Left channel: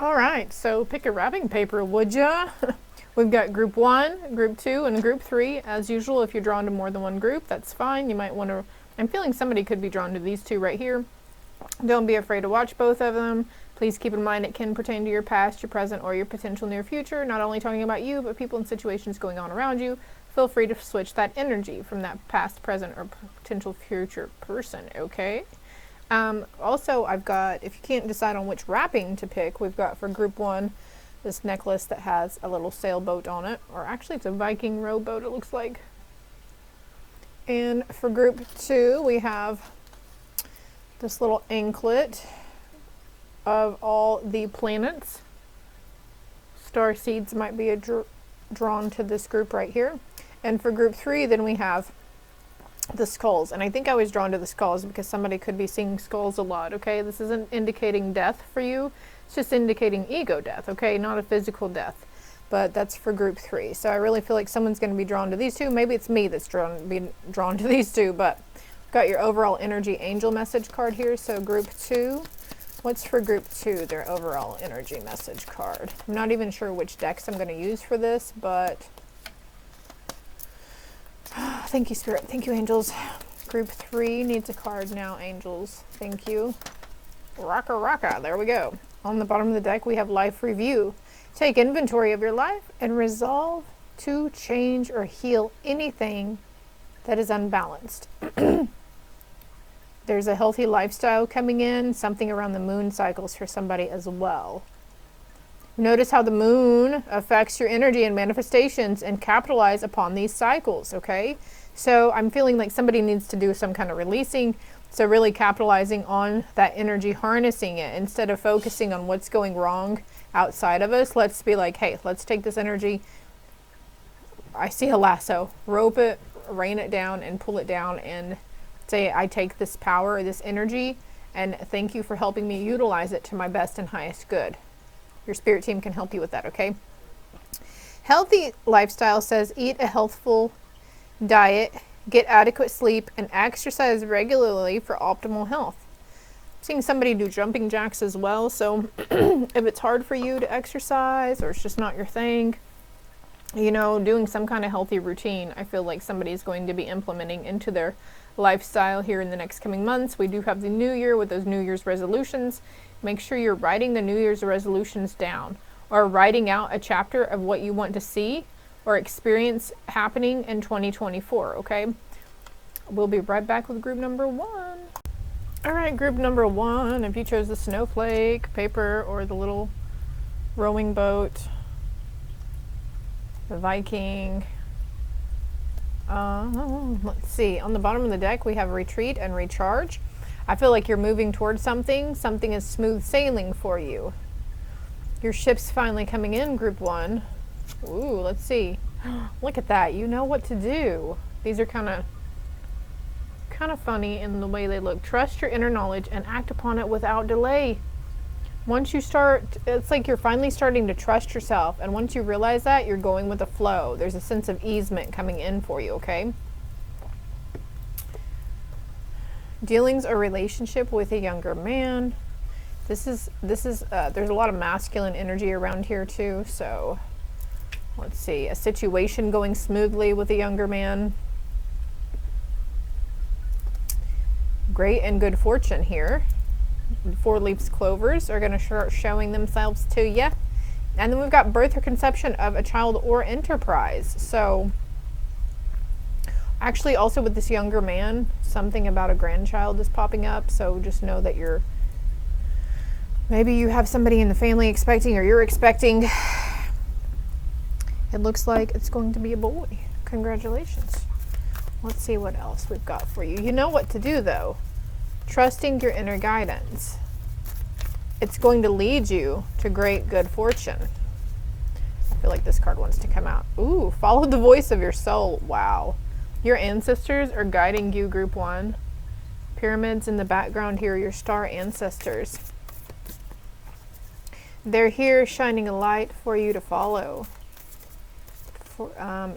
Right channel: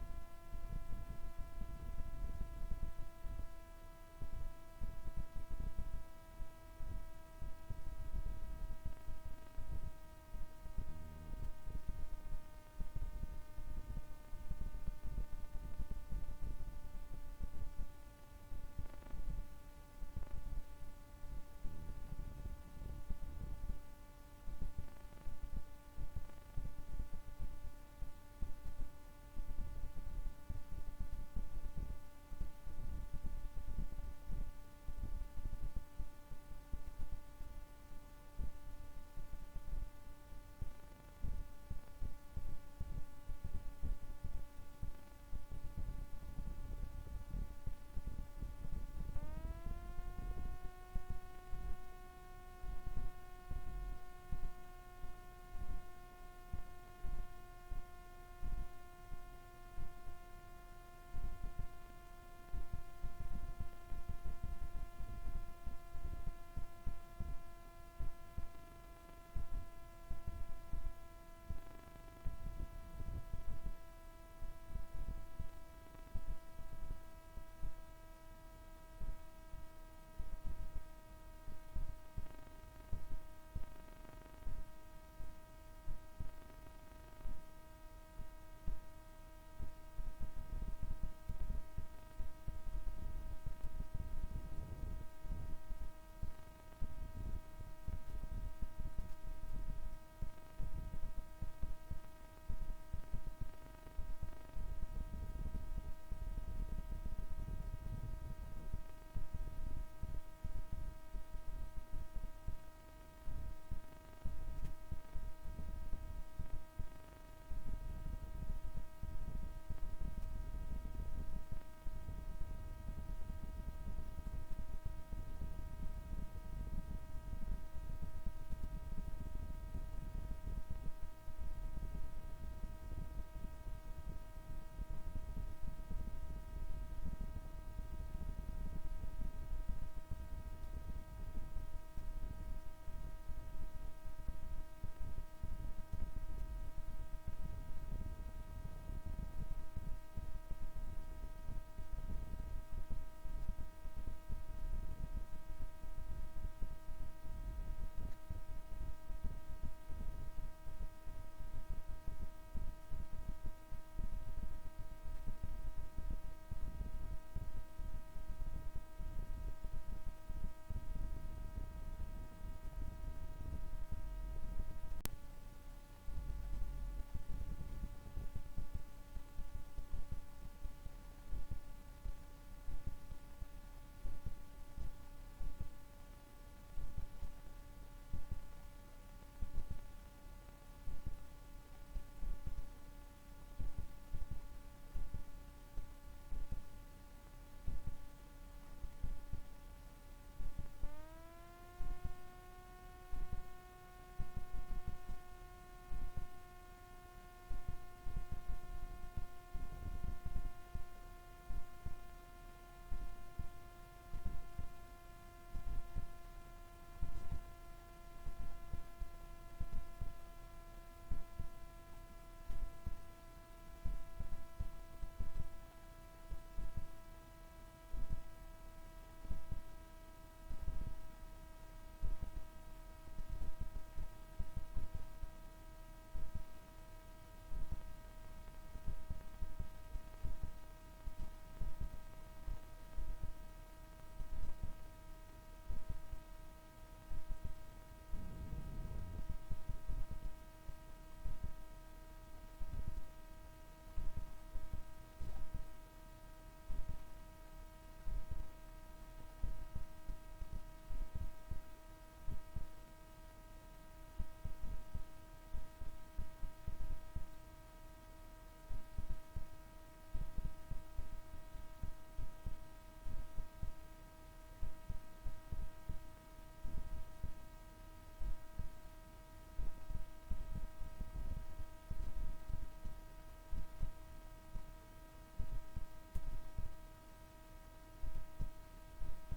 All right, so pick a wrapping paper, would ya? We've got group 1, group 2, and group 3. As usual, if you're drawn to more than one group, that's fine. You might want to, I'm feeling somebody could be drawn to these two right here. Don't be afraid to watch both of them. Please keep in mind it can pertain to your past, your present, or your potential near future. Not only talking about you, but people and situations going on around you. Feel free to switch that energy from that past, present, or potential future person, okay? Also, I've got, if you can't decide on which wrapping to pick, we've got for group 1 this necklace that has a little sailboat on it, or actually it's a Viking rowboat it looks like. And for group 2 we have this little anklet of all the planets. Star seeds might be drawn to this group right here. And for group 3 then we have the skulls, and I think I was drawn to the skulls because somebody could be seeing skulls a lot, okay? This isn't indicating death for you, it's just indicating ego death, okay? Not a physical death, but that's for group 3. So I really feel like someone's going to be drawn to these two. Maybe it's me that's drawn to these two, but I've got your overall energy angel message card here. So group 2, what's for group 2, their overall energy message card? I'm not even sure which decks I'm going to use for this, but thank you, Spirit. Thank you, angels. Group 3 needs a card now, angels. Thank you. Rocka, rocka. There we go. On the bottom of the deck, we have life review. Take inventory of your life and resolve to change or heal anything that is unbalanced. There's a healthy lifestyle coming in, something around the moon cycles for somebody as well. Notice how the moon affects your energy and manifestations, and capitalize upon these cycles, okay? So I'm feeling like somebody needs to do some kind of releasing, so really capitalizing on that energy, harnessing it, instead of focusing on what's going wrong outside of us. Let's be like, hey, let's take this energy. I see a lasso. Rope it, rain it down, and pull it down, and say, I take this power, this energy, and thank you for helping me utilize it to my best and highest good. Your spirit team can help you with that, okay? Healthy lifestyle says eat a healthful diet, get adequate sleep, and exercise regularly for optimal health. I'm seeing somebody do jumping jacks as well, so if it's hard for you to exercise or it's just not your thing, you know, doing some kind of healthy routine, I feel like somebody is going to be implementing into their lifestyle here in the next coming months. We do have the new year with those New Year's resolutions. Make sure you're writing the New Year's resolutions down, or writing out a chapter of what you want to see or experience happening in 2024, okay? We'll be right back with group number 1. All right, group number 1, if you chose the snowflake paper or the little rowing boat, the Viking, let's see, on the bottom of the deck we have retreat and recharge. I feel like you're moving towards something. Something is smooth sailing for you. Your ship's finally coming in, group 1. Ooh, let's see. Look at that. You know what to do. These are kind of funny in the way they look. Trust your inner knowledge and act upon it without delay. Once you start, it's like you're finally starting to trust yourself. And once you realize that, you're going with the flow. There's a sense of easement coming in for you, okay? Dealings or relationship with a younger man. There's a lot of masculine energy around here too, so let's see, a situation going smoothly with a younger man. Great and good fortune here. 4 leaves clovers are going to start showing themselves to you. And then we've got birth or conception of a child or enterprise. So actually, also with this younger man, something about a grandchild is popping up. So just know that maybe you have somebody in the family expecting, or you're expecting. It looks like it's going to be a boy. Congratulations. Let's see what else we've got for you. You know what to do, though. Trusting your inner guidance. It's going to lead you to great good fortune. I feel like this card wants to come out. Ooh, follow the voice of your soul. Wow. Your ancestors are guiding you, group 1. Pyramids in the background here, your star ancestors. They're here shining a light for you to follow.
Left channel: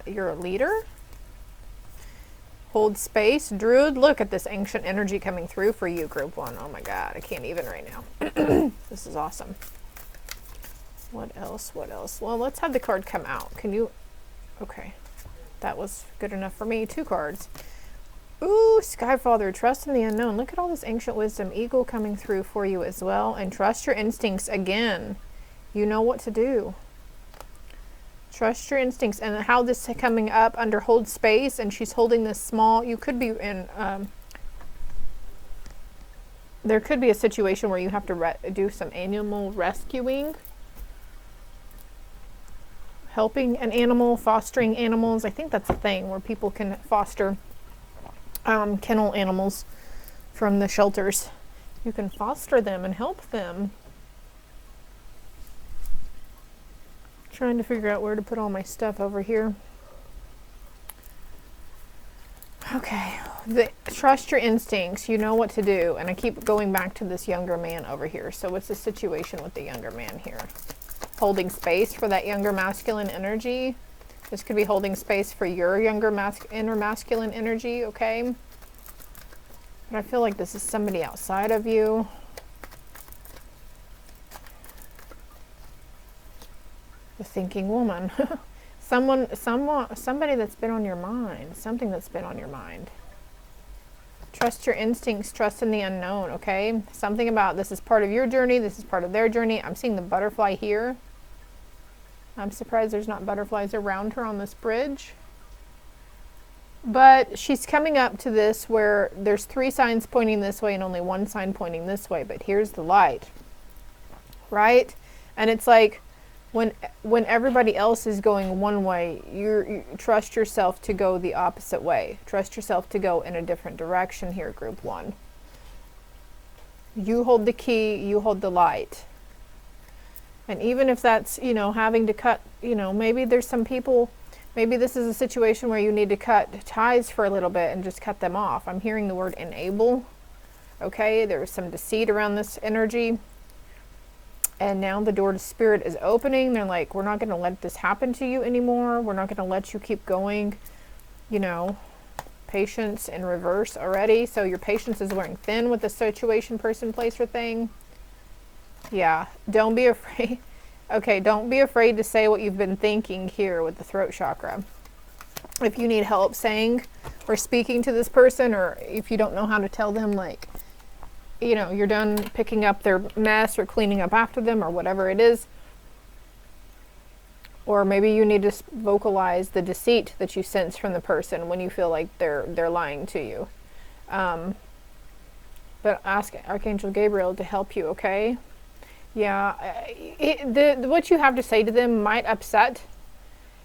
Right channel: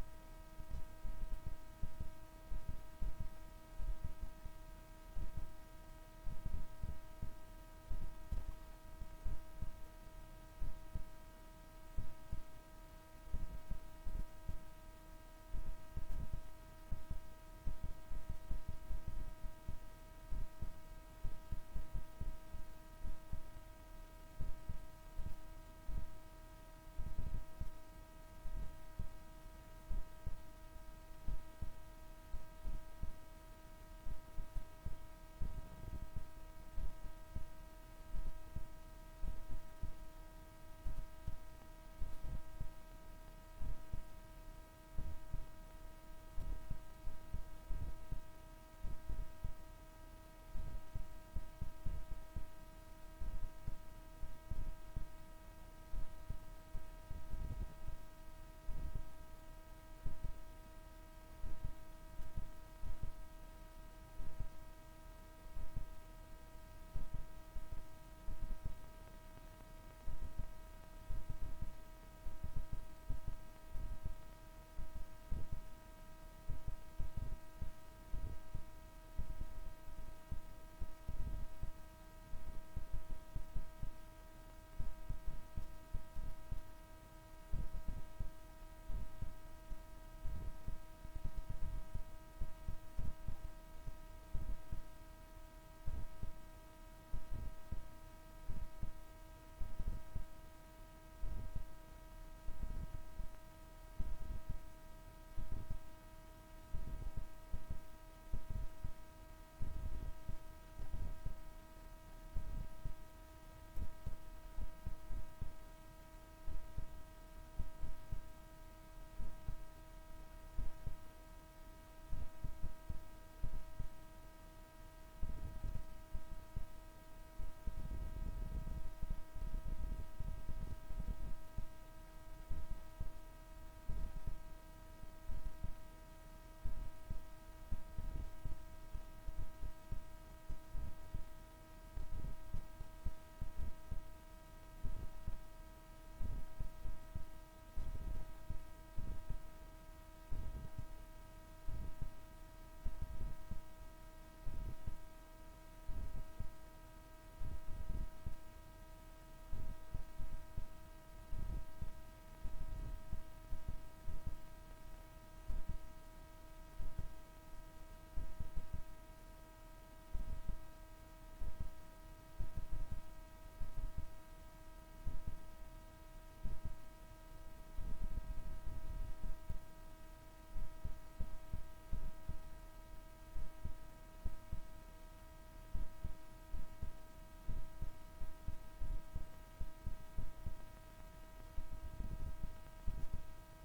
You're a leader. Hold space. Druid, look at this ancient energy coming through for you, group 1. Oh my God, I can't even right now. This is awesome. What else? What else? Well, let's have the card come out. Can you? Okay. That was good enough for me. 2 cards. Ooh, Sky Father, trust in the unknown. Look at all this ancient wisdom, eagle coming through for you as well. And trust your instincts again. You know what to do. Trust your instincts. And how this is coming up under hold space, and she's holding this small, you could be in, there could be a situation where you have to do some animal rescuing. Helping an animal, fostering animals. I think that's a thing where people can foster kennel animals from the shelters. You can foster them and help them. Trying to figure out where to put all my stuff over here. Okay, trust your instincts. You know what to do. And I keep going back to this younger man over here. So what's the situation with the younger man here? Holding space for that younger masculine energy. This could be holding space for your younger inner masculine energy, okay? But I feel like this is somebody outside of you. The thinking woman. Somebody that's been on your mind. Something that's been on your mind. Trust your instincts, trust in the unknown, okay? Something about this is part of your journey, this is part of their journey. I'm seeing the butterfly here. I'm surprised there's not butterflies around her on this bridge. But she's coming up to this where there's 3 signs pointing this way and only 1 sign pointing this way. But here's the light, right? And it's like when everybody else is going one way, you trust yourself to go the opposite way. Trust yourself to go in a different direction here, group 1. You hold the key, you hold the light. And even if that's, you know, having to cut, you know, maybe there's some people, maybe this is a situation where you need to cut ties for a little bit and just cut them off. I'm hearing the word enable. Okay, there's some deceit around this energy. And now the door to spirit is opening. They're like, we're not going to let this happen to you anymore. We're not going to let you keep going. You know, patience in reverse already. So your patience is wearing thin with the situation, person, place, or thing. Yeah, don't be afraid. Okay, don't be afraid to say what you've been thinking here with the throat chakra. If you need help saying or speaking to this person, or if you don't know how to tell them, like, you know, you're done picking up their mess or cleaning up after them or whatever it is. Or maybe you need to vocalize the deceit that you sense from the person when you feel like they're lying to you. But ask Archangel Gabriel to help you, okay? Yeah, what you have to say to them might upset.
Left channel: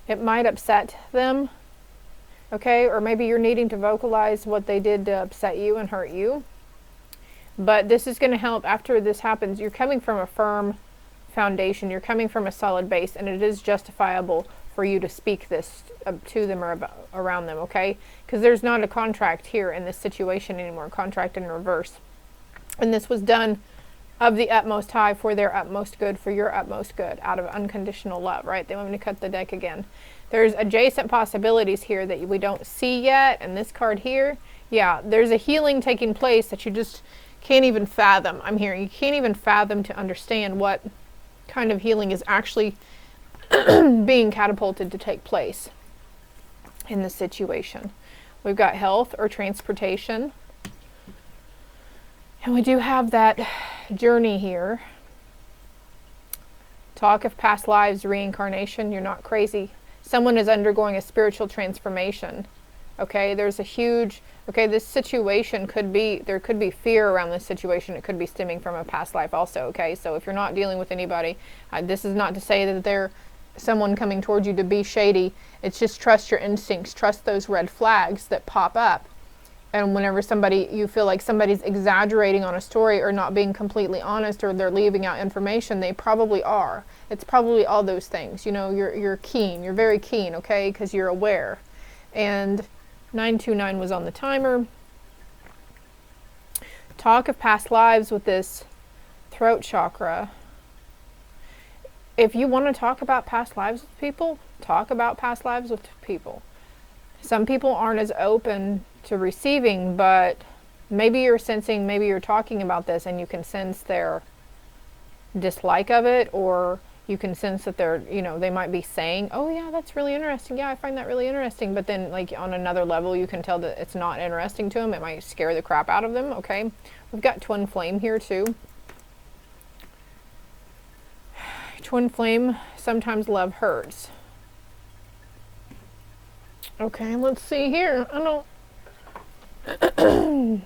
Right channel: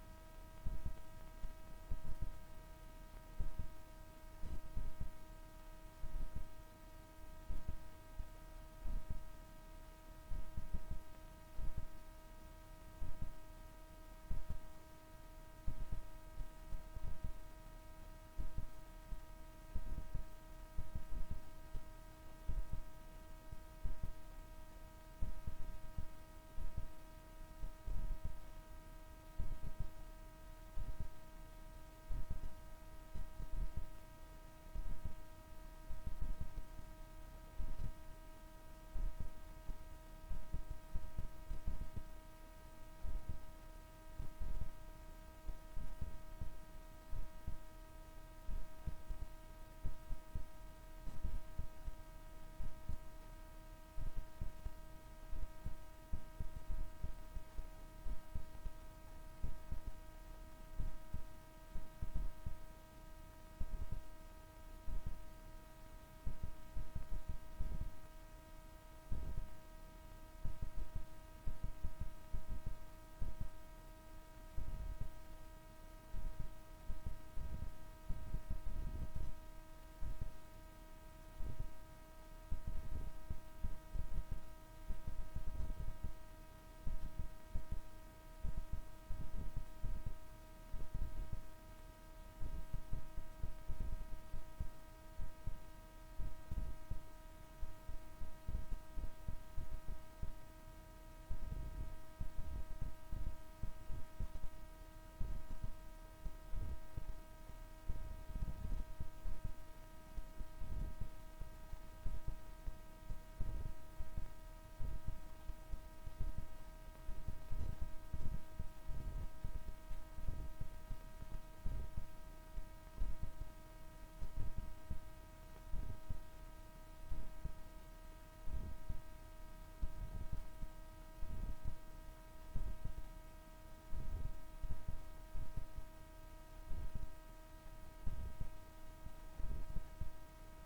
It might upset them, okay? Or maybe you're needing to vocalize what they did to upset you and hurt you. But this is going to help after this happens. You're coming from a firm foundation. You're coming from a solid base, and it is justifiable for you to speak this to them or around them, okay? Because there's not a contract here in this situation anymore, contract in reverse. And this was done of the utmost high for their utmost good, for your utmost good, out of unconditional love, right? They want me to cut the deck again. There's adjacent possibilities here that we don't see yet, and this card here, yeah, there's a healing taking place that you just can't even fathom. I'm hearing you can't even fathom to understand what kind of healing is actually being catapulted to take place in this situation. We've got health or transportation. And we do have that journey here. Talk of past lives, reincarnation. You're not crazy. Someone is undergoing a spiritual transformation. Okay, there's a huge, okay, this situation could be, there could be fear around this situation. It could be stemming from a past life also, okay? So if you're not dealing with anybody, this is not to say that they're someone coming towards you to be shady. It's just trust your instincts. Trust those red flags that pop up. And whenever you feel like somebody's exaggerating on a story or not being completely honest, or they're leaving out information, they probably are. It's probably all those things. You know, you're keen. You're very keen, okay, because you're aware. And 929 was on the timer. Talk of past lives with this throat chakra. If you want to talk about past lives with people, talk about past lives with people. Some people aren't as open to receiving, but maybe you're sensing, maybe you're talking about this and you can sense their dislike of it, or you can sense that they're, you know, they might be saying, oh yeah, that's really interesting. Yeah, I find that really interesting. But then like on another level, you can tell that it's not interesting to them. It might scare the crap out of them. Okay. We've got twin flame here too. Twin flame, sometimes love hurts. Okay, let's see here. I don't.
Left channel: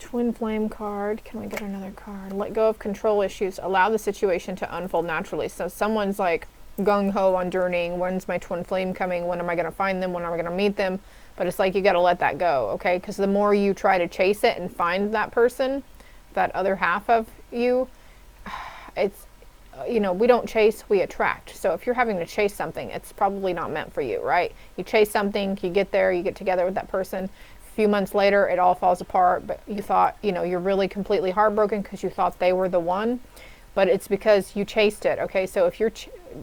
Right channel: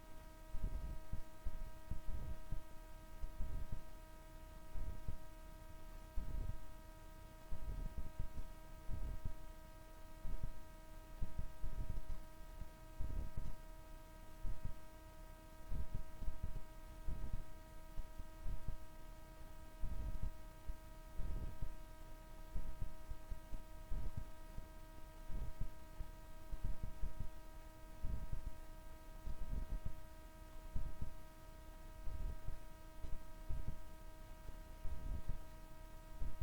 Twin flame card. Can we get another card? Let go of control issues. Allow the situation to unfold naturally. So someone's like gung-ho on journeying. When's my twin flame coming? When am I going to find them? When am I going to meet them? But it's like you got to let that go, okay? Because the more you try to chase it and find that person, that other half of you, it's, you know, we don't chase, we attract. So if you're having to chase something, it's probably not meant for you, right? You chase something, you get there, you get together with that person. A few months later, it all falls apart, but you thought, you know, you're really completely heartbroken because you thought they were the one, but it's because you chased it, okay? So if you're,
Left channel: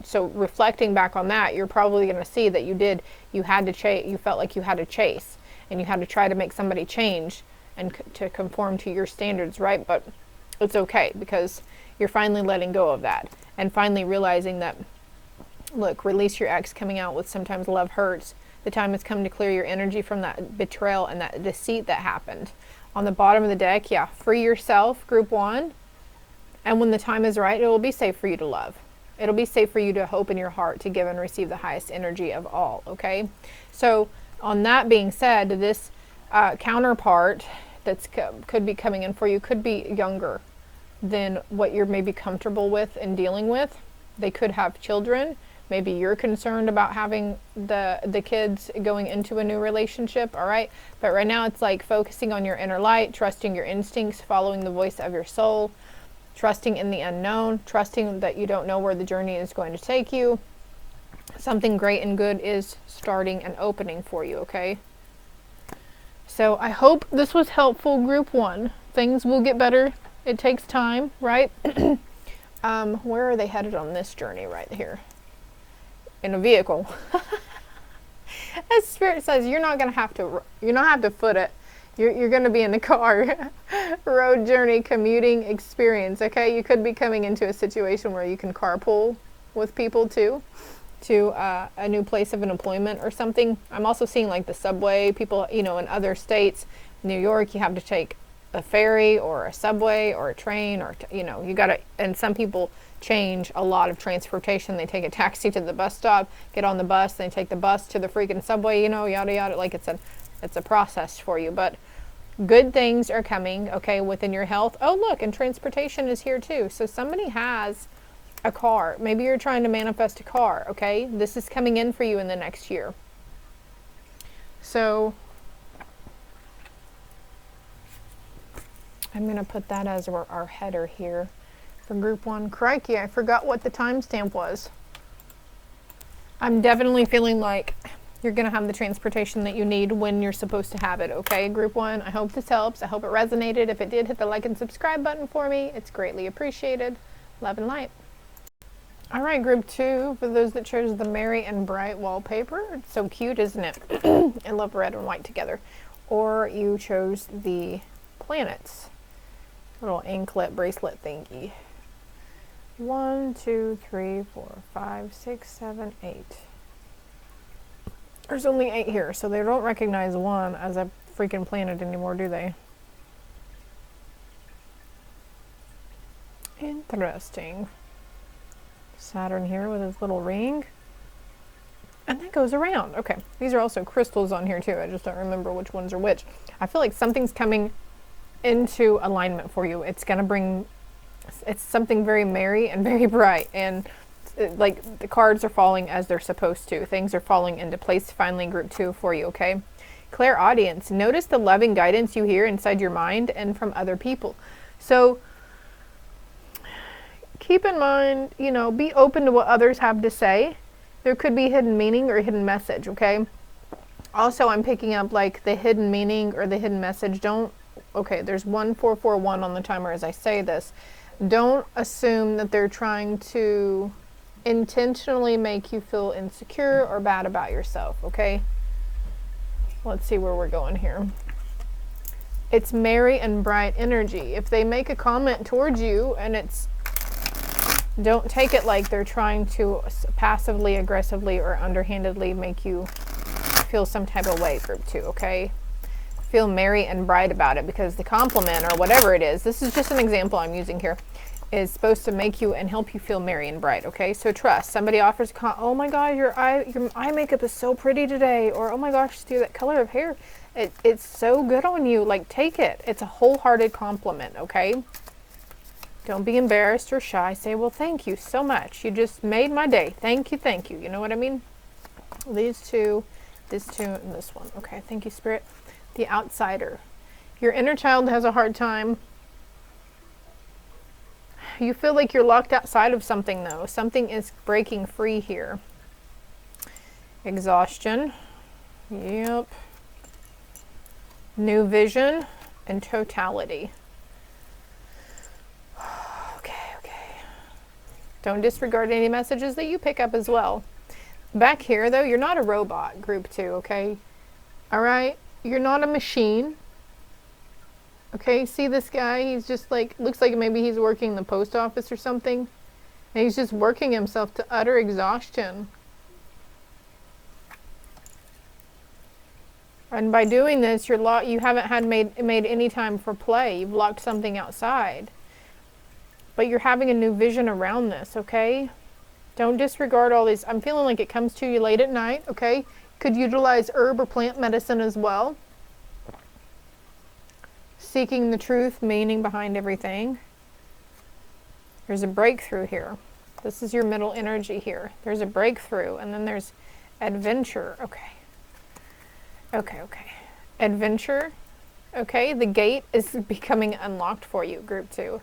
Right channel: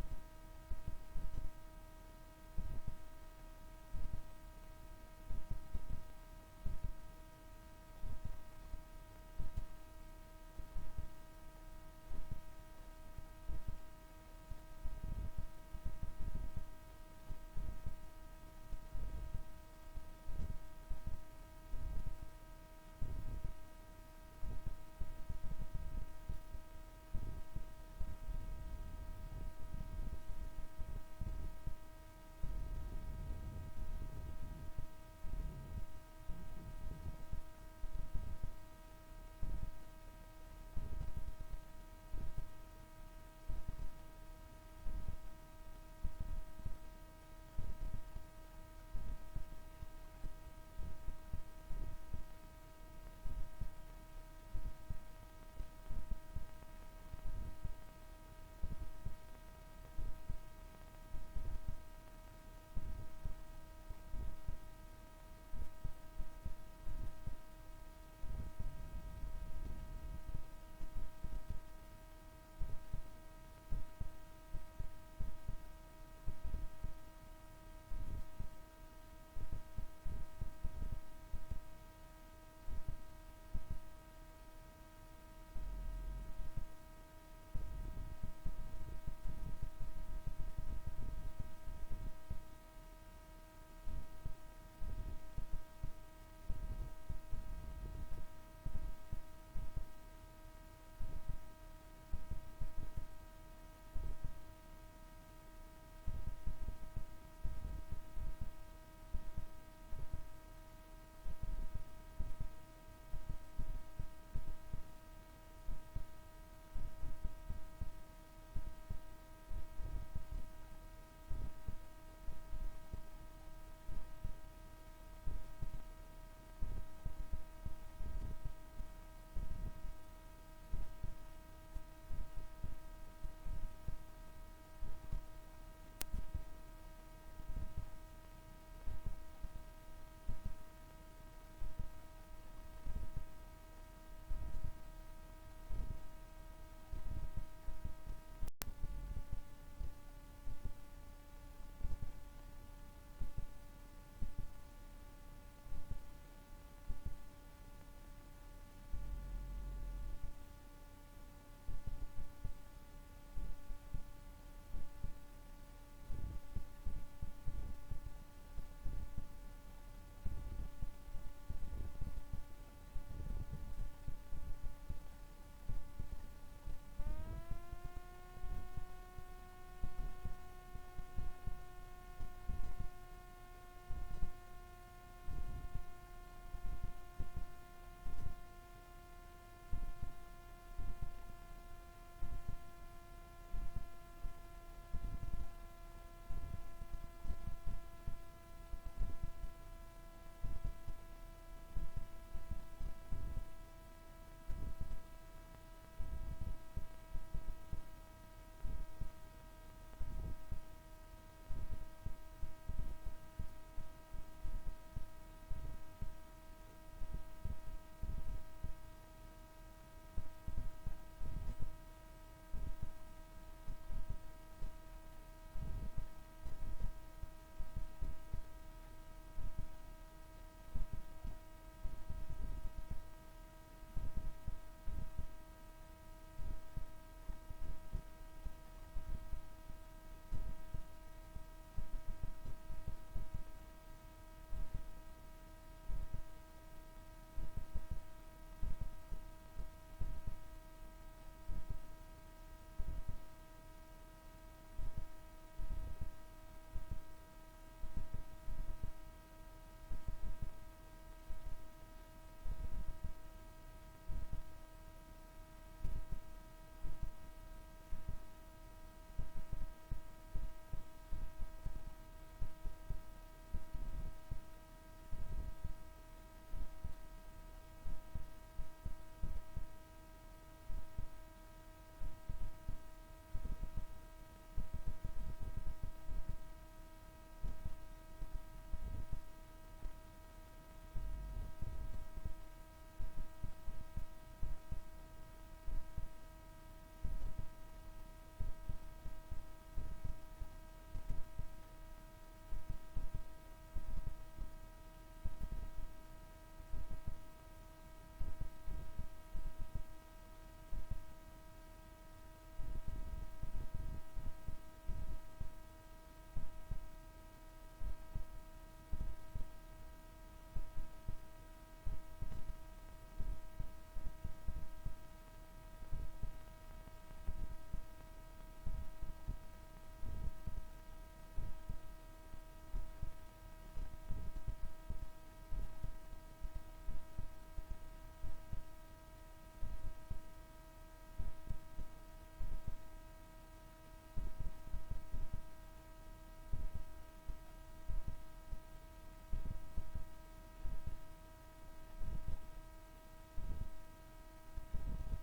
so reflecting back on that, you're probably going to see that you had to chase, you felt like you had to chase, and you had to try to make somebody change and to conform to your standards, right? But it's okay because you're finally letting go of that and finally realizing that, look, release your ex coming out with sometimes love hurts. The time has come to clear your energy from that betrayal and that deceit that happened. On the bottom of the deck, yeah, free yourself, group 1. And when the time is right, it will be safe for you to love. It'll be safe for you to hope in your heart to give and receive the highest energy of all, okay? So on that being said, this counterpart that's could be coming in for you could be younger than what you're maybe comfortable with and dealing with. They could have children. Maybe you're concerned about having the kids going into a new relationship, all right? But right now it's like focusing on your inner light, trusting your instincts, following the voice of your soul, trusting in the unknown, trusting that you don't know where the journey is going to take you. Something great and good is starting and opening for you, okay? So I hope this was helpful, group 1. Things will get better. It takes time, right? Where are they headed on this journey right here? In a vehicle. As Spirit says, you're not have to foot it. You're going to be in the car. Road journey, commuting experience, okay? You could be coming into a situation where you can carpool with people too, to a new place of an employment or something. I'm also seeing like the subway, people, you know, in other states, New York, you have to take a ferry or a subway or a train, or, you know, you got to, and some people change a lot of transportation. They take a taxi to the bus stop, get on the bus, they take the bus to the freaking subway, you know, yada yada. Like it's a process for you, but good things are coming, okay, within your health. Oh look, and transportation is here too. So somebody has a car. Maybe you're trying to manifest a car, okay? This is coming in for you in the next year. So I'm going to put that as our header here for group 1. Crikey, I forgot what the timestamp was. I'm definitely feeling like you're going to have the transportation that you need when you're supposed to have it, okay? Group 1, I hope this helps. I hope it resonated. If it did, hit the like and subscribe button for me. It's greatly appreciated. Love and light. All right, group 2, for those that chose the merry and bright wallpaper. It's so cute, isn't it? I love red and white together. Or you chose the planets. Little anklet bracelet thingy. 1, 2, 3, 4, 5, 6, 7, 8. There's only 8 here, so they don't recognize 1 as a freaking planet anymore, do they? Interesting. Saturn here with his little ring. And that goes around. Okay, these are also crystals on here too. I just don't remember which ones are which. I feel like something's coming into alignment for you. It's gonna bring, it's something very merry and very bright, and like the cards are falling as they're supposed to. Things are falling into place finally, group 2 for you, okay? Clairaudience. Notice the loving guidance you hear inside your mind and from other people. So keep in mind, you know, be open to what others have to say. There could be hidden meaning or hidden message, okay? Also, I'm picking up like the hidden meaning or the hidden message. Okay, there's 1441 on the timer as I say this. Don't assume that they're trying to intentionally make you feel insecure or bad about yourself, okay? Let's see where we're going here. It's merry and bright energy. If they make a comment towards you and it's, don't take it like they're trying to passively, aggressively, or underhandedly make you feel some type of way, group 2, okay? Feel merry and bright about it, because the compliment or whatever it is, this is just an example I'm using here, is supposed to make you and help you feel merry and bright, okay? So trust. Somebody offers, oh my God, your eye makeup is so pretty today, or oh my gosh, Stu, that color of hair, it's so good on you. Like, take it. It's a wholehearted compliment, okay? Don't be embarrassed or shy. Say, well, thank you so much. You just made my day. Thank you, thank you. You know what I mean? These two, this two, and this one. Okay, thank you, Spirit. The outsider. Your inner child has a hard time. You feel like you're locked outside of something, though. Something is breaking free here. Exhaustion. Yep. New vision and totality. Okay. Don't disregard any messages that you pick up as well. Back here, though, you're not a robot, group 2, okay? All right? You're not a machine. Okay, see this guy? He's just like, looks like maybe he's working the post office or something. And he's just working himself to utter exhaustion. And by doing this, you haven't made any time for play. You've locked something outside. But you're having a new vision around this, okay? Don't disregard all these. I'm feeling like it comes to you late at night, okay? Could utilize herb or plant medicine as well. Seeking the truth, meaning behind everything. There's a breakthrough here. This is your middle energy here. There's a breakthrough, and then there's adventure. Okay. Adventure. Okay, the gate is becoming unlocked for you, group 2.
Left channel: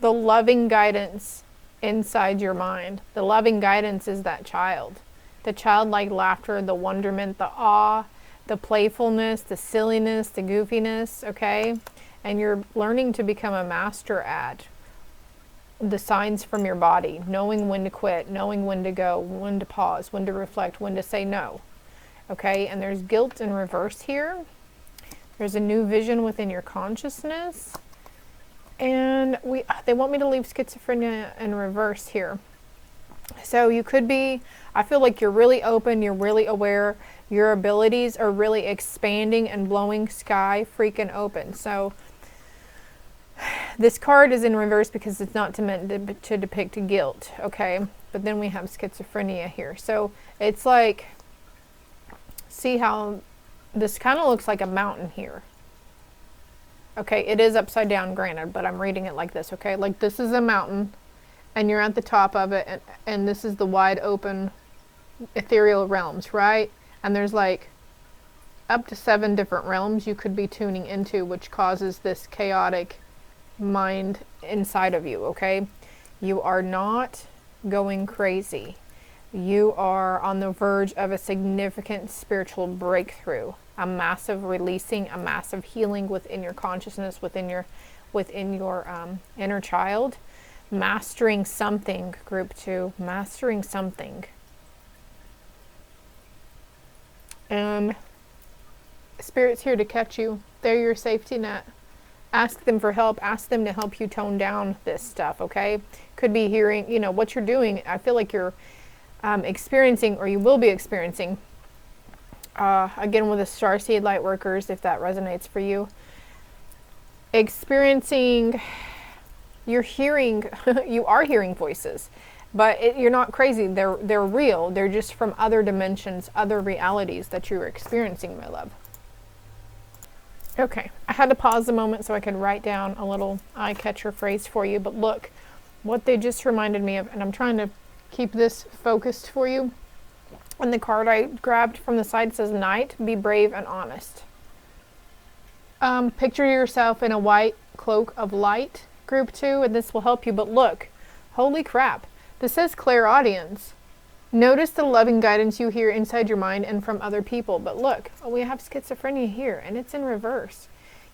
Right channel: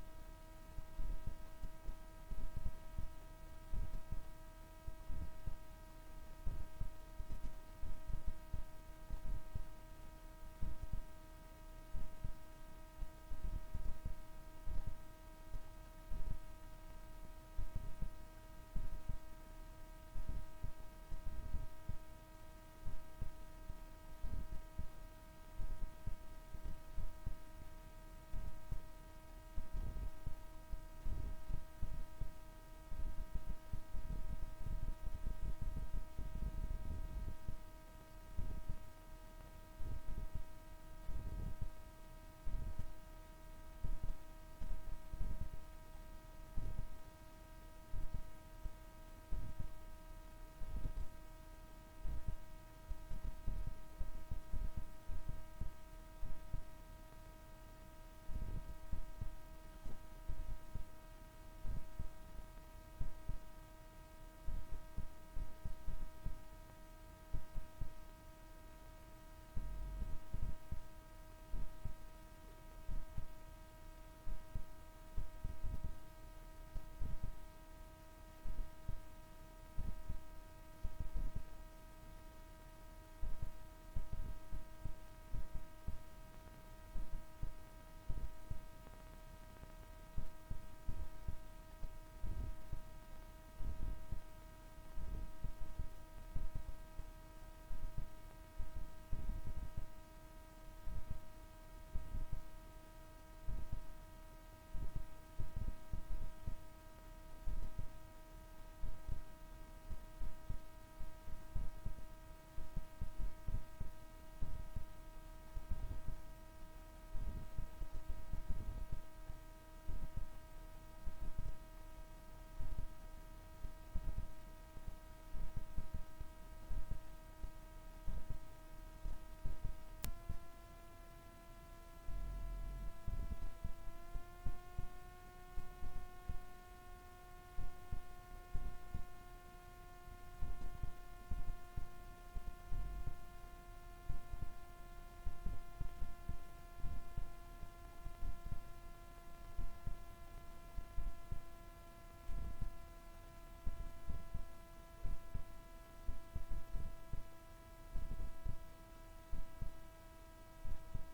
The loving guidance inside your mind. The loving guidance is that child. The childlike laughter, the wonderment, the awe, the playfulness, the silliness, the goofiness, okay? And you're learning to become a master at the signs from your body, knowing when to quit, knowing when to go, when to pause, when to reflect, when to say no, okay? And there's guilt in reverse here. There's a new vision within your consciousness. And they want me to leave schizophrenia in reverse here. So you could be, I feel like you're really open, you're really aware, your abilities are really expanding and blowing sky freaking open. So this card is in reverse because it's not meant to depict guilt, okay? But then we have schizophrenia here. So it's like, see how this kind of looks like a mountain here. Okay, it is upside down, granted, but I'm reading it like this, okay? Like this is a mountain, and you're at the top of it, and this is the wide open ethereal realms, right? And there's like up to 7 different realms you could be tuning into, which causes this chaotic mind inside of you, okay? You are not going crazy. You are on the verge of a significant spiritual breakthrough, a massive releasing, a massive healing within your consciousness, within your inner child, mastering something, group 2, mastering something. Spirit's here to catch you. They're your safety net. Ask them for help. Ask them to help you tone down this stuff, okay? Could be hearing, you know, what you're doing. I feel like you're experiencing, or you will be experiencing, again with the starseed light workers, if that resonates for you, experiencing, you're hearing, you are hearing voices, but you're not crazy. They're real. They're just from other dimensions, other realities that you're experiencing, my love. Okay, I had to pause a moment so I could write down a little eye catcher phrase for you, but look what they just reminded me of, and I'm trying to keep this focused for you. And the card I grabbed from the side says, Night, be brave and honest. Picture yourself in a white cloak of light, group 2, and this will help you. But look, holy crap, this says clairaudience. Notice the loving guidance you hear inside your mind and from other people. But look, we have schizophrenia here, and it's in reverse.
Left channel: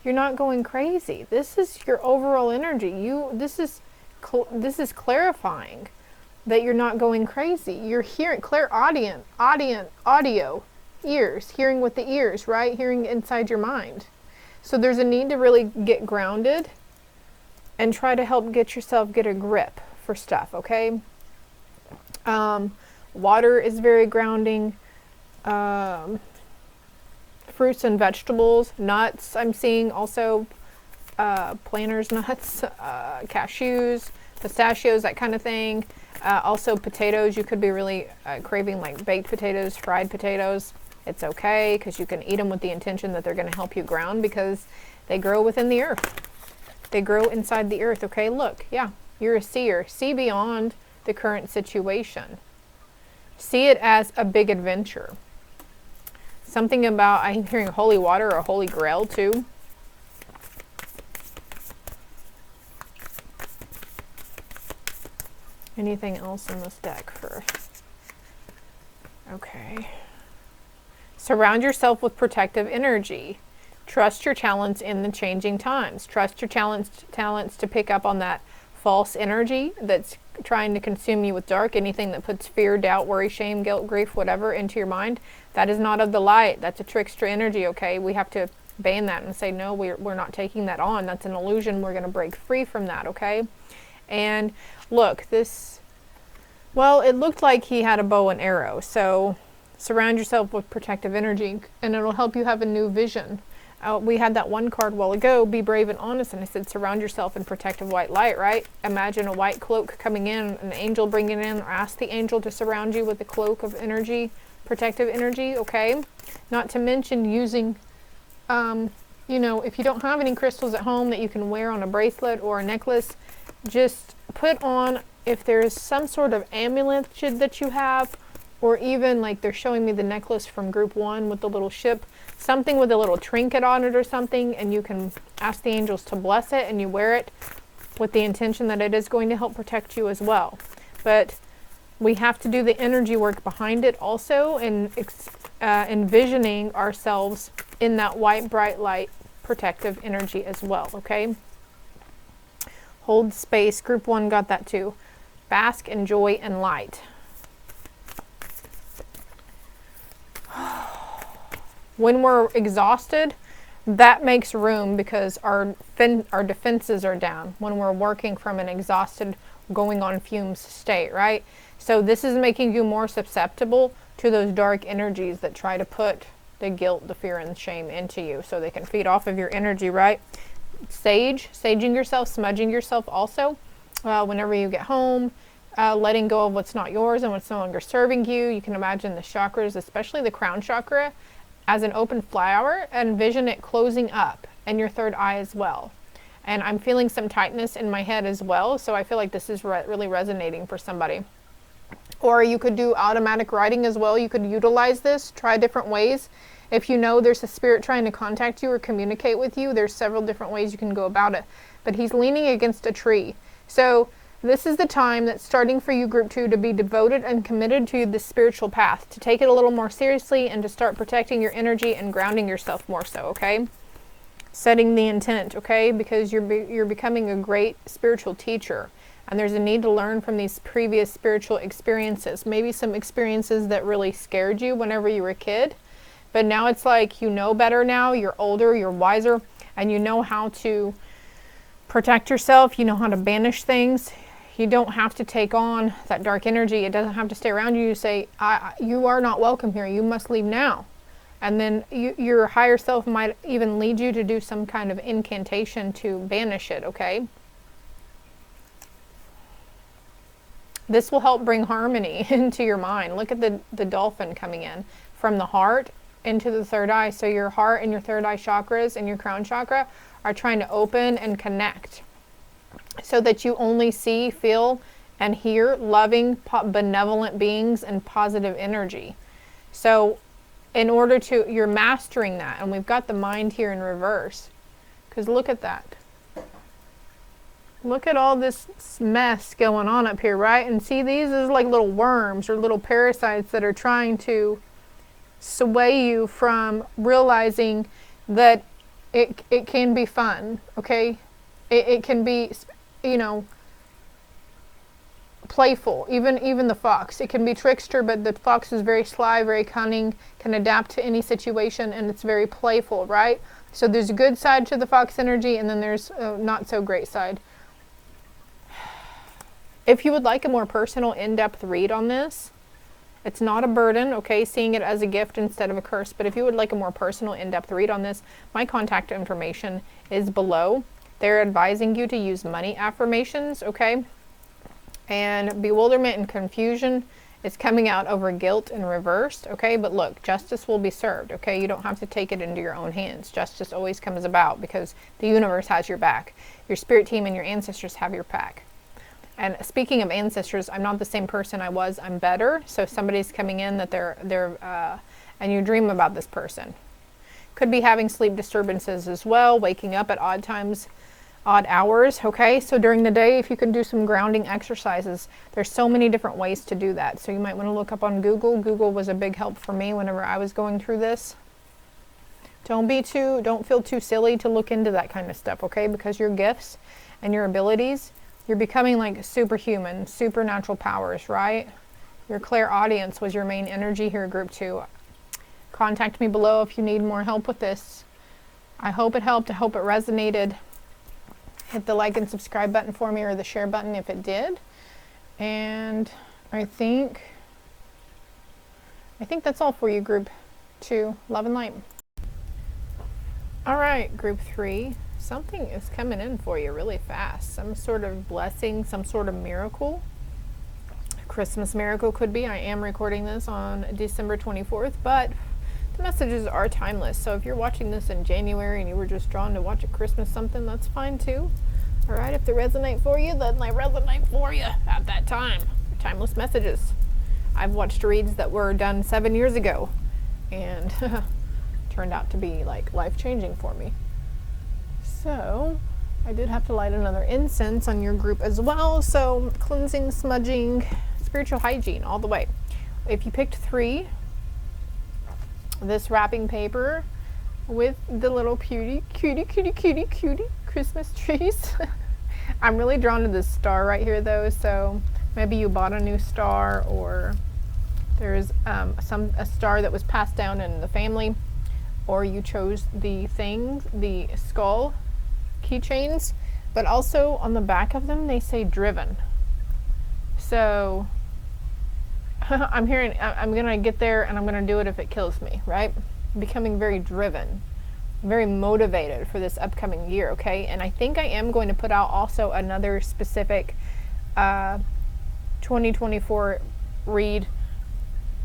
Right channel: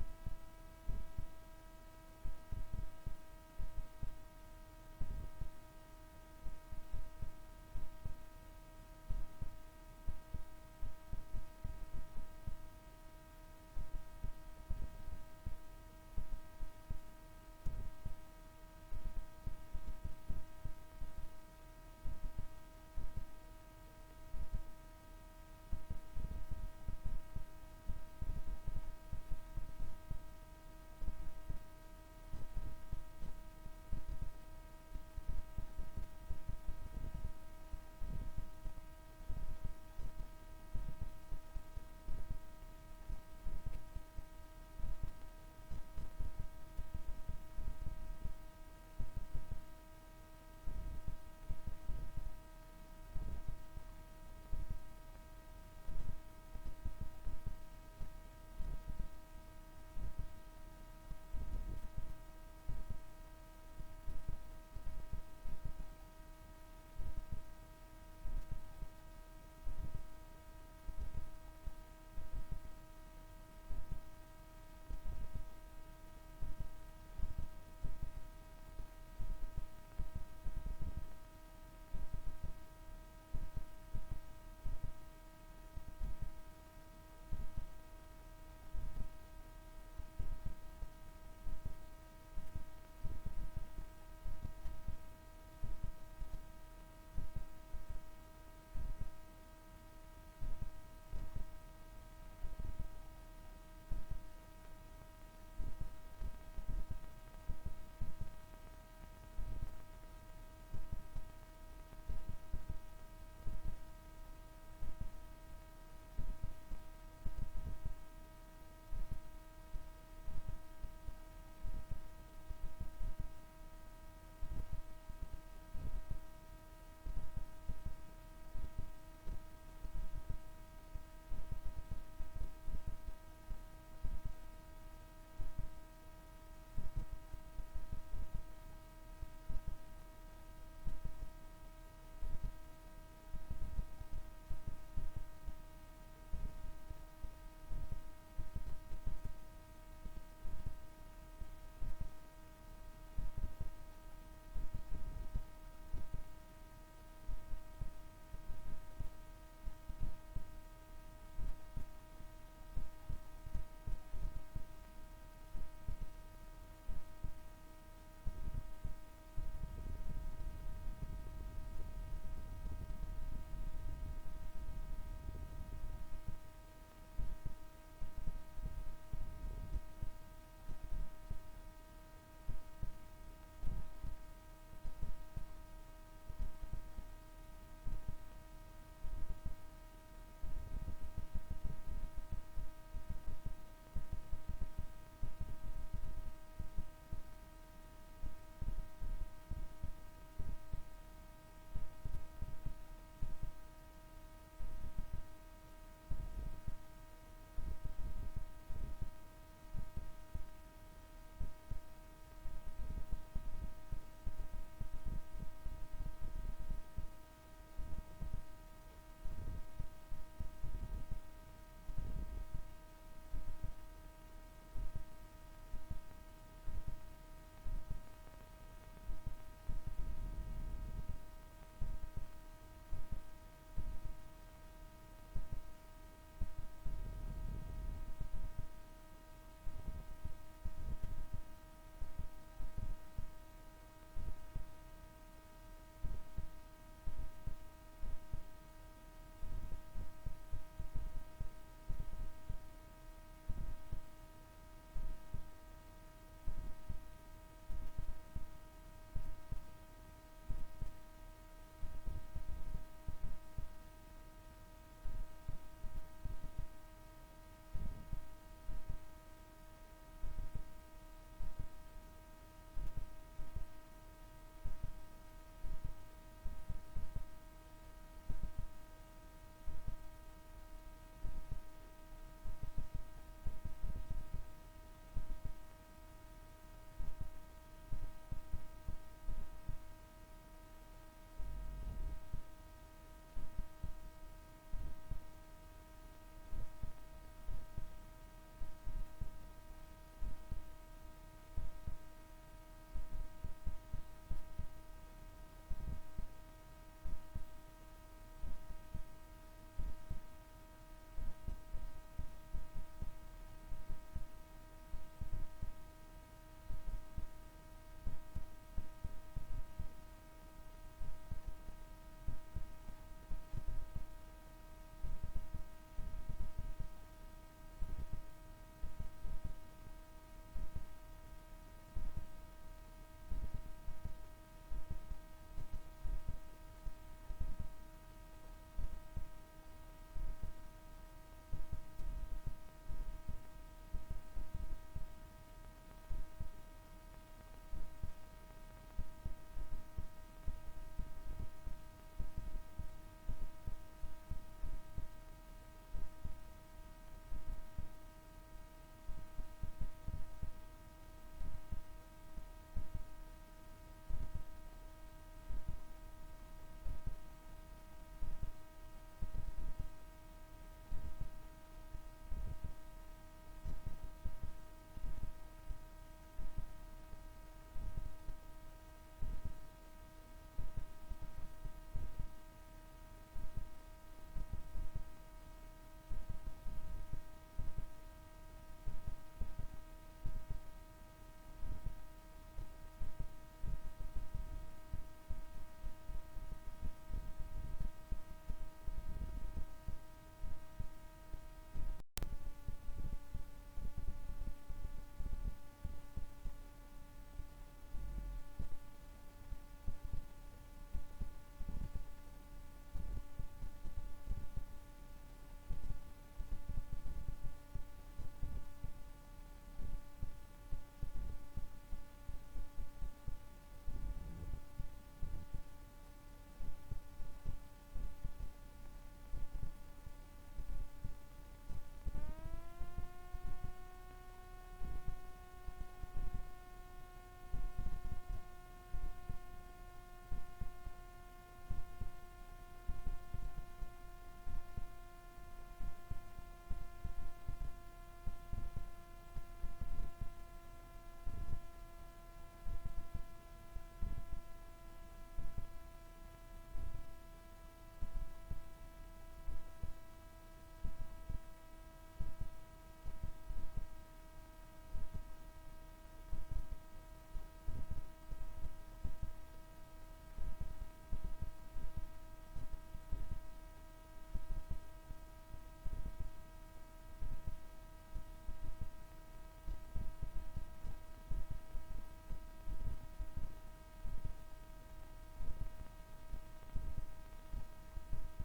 You're not going crazy. This is your overall energy. This is clarifying that you're not going crazy. You're hearing audio. ears, hearing with the ears, right? Hearing inside your mind. So there's a need to really get grounded and try to help get a grip for stuff, okay? Water is very grounding. Fruits and vegetables, nuts, I'm seeing also, planters nuts, cashews, pistachios, that kind of thing. Also potatoes, you could be really craving like baked potatoes, fried potatoes. It's okay, because you can eat them with the intention that they're going to help you ground, because they grow within the earth. They grow inside the earth, okay? Look, yeah, you're a seer. See beyond the current situation. See it as a big adventure. Something about, I'm hearing holy water or holy grail too. Anything else in this deck for... Okay. Surround yourself with protective energy. Trust your talents in the changing times. Trust your talents to pick up on that false energy that's trying to consume you with dark. Anything that puts fear, doubt, worry, shame, guilt, grief, whatever into your mind, that is not of the light. That's a trickster energy, okay? We have to ban that and say, no, we're not taking that on. That's an illusion. We're going to break free from that, okay? And look, this, well, it looked like he had a bow and arrow. So surround yourself with protective energy, and it'll help you have a new vision. We had that one card a while ago, be brave and honest, and I said surround yourself in protective white light, right? Imagine a white cloak coming in, an angel bringing it in, or ask the angel to surround you with the cloak of energy, protective energy, okay? Not to mention using, you know, if you don't have any crystals at home that you can wear on a bracelet or a necklace, just put on, if there's some sort of amulet that you have, or even like they're showing me the necklace from group 1 with the little ship, something with a little trinket on it or something, and you can ask the angels to bless it, and you wear it with the intention that it is going to help protect you as well. But we have to do the energy work behind it also, and envisioning ourselves in that white, bright light, protective energy as well, okay? Hold space. Group 1 got that too. Bask in joy and light. When we're exhausted, that makes room, because our defenses are down when we're working from an exhausted, going on fumes state, right? So this is making you more susceptible to those dark energies that try to put the guilt, the fear, and the shame into you, so they can feed off of your energy, right? Saging yourself, smudging yourself also. Whenever you get home, letting go of what's not yours and what's no longer serving you. You can imagine the chakras, especially the crown chakra, as an open flower, and envision it closing up, and your third eye as well. And I'm feeling some tightness in my head as well, so I feel like this is really resonating for somebody. Or you could do automatic writing as well. You could utilize this, try different ways. If you know there's a spirit trying to contact you or communicate with you, there's several different ways you can go about it. But he's leaning against a tree. So this is the time that's starting for you, group 2, to be devoted and committed to the spiritual path, to take it a little more seriously, and to start protecting your energy and grounding yourself more so, okay? Setting the intent, okay? Because you're becoming a great spiritual teacher, and there's a need to learn from these previous spiritual experiences. Maybe some experiences that really scared you whenever you were a kid, but now it's like you know better now, you're older, you're wiser, and you know how to protect yourself, you know how to banish things. You don't have to take on that dark energy. It doesn't have to stay around you. You say, you are not welcome here. You must leave now. And then your higher self might even lead you to do some kind of incantation to banish it, okay? This will help bring harmony into your mind. Look at the dolphin coming in from the heart into the third eye. So your heart and your third eye chakras and your crown chakra are trying to open and connect, so that you only see, feel, and hear loving, benevolent beings and positive energy. So in order to, you're mastering that. And we've got the mind here in reverse, because look at that. Look at all this mess going on up here, right? And see, these is like little worms or little parasites that are trying to sway you from realizing that it can be fun, okay? It can be, you know, playful. Even the fox, it can be trickster, but the fox is very sly, very cunning, can adapt to any situation, and it's very playful, right? So there's a good side to the fox energy, and then there's a not so great side. If you would like a more personal, in-depth read on this, it's not a burden, okay, seeing it as a gift instead of a curse, but if you would like a more personal, in-depth read on this, my contact information is below. They're advising you to use money affirmations, okay? And bewilderment and confusion is coming out over guilt and reversed, okay? But look, justice will be served, okay? You don't have to take it into your own hands. Justice always comes about because the universe has your back. Your spirit team and your ancestors have your back. And speaking of ancestors, I'm not the same person I was. I'm better. So if somebody's coming in that and you dream about this person. Could be having sleep disturbances as well, waking up at odd times, odd hours, okay? So during the day, if you can do some grounding exercises, there's so many different ways to do that. So you might want to look up on Google. Google was a big help for me whenever I was going through this. Don't feel too silly to look into that kind of stuff, okay? Because your gifts and your abilities, you're becoming like superhuman, supernatural powers, right? Your clairaudience was your main energy here, group 2. Contact me below if you need more help with this. I hope it helped. I hope it resonated. Hit the like and subscribe button for me, or the share button if it did. And I think that's all for you, group 2. Love and light. All right, group 3. Something is coming in for you really fast. Some sort of blessing, some sort of miracle. A Christmas miracle could be. I am recording this on December 24th, but the messages are timeless. So if you're watching this in January and you were just drawn to watch a Christmas something, that's fine too. All right, if they resonate for you, then they resonate for you at that time. Timeless messages. I've watched reads that were done 7 years ago and turned out to be like life-changing for me. So I did have to light another incense on your group as well. So cleansing, smudging, spiritual hygiene all the way. If you picked 3, this wrapping paper with the little cutie Christmas trees. I'm really drawn to this star right here though. So maybe you bought a new star, or there's a star that was passed down in the family, or you chose the skull keychains, but also on the back of them they say driven. So I'm gonna get there and I'm gonna do it if it kills me, right? I'm becoming very driven, very motivated for this upcoming year, okay? And I think I am going to put out also another specific 2024 read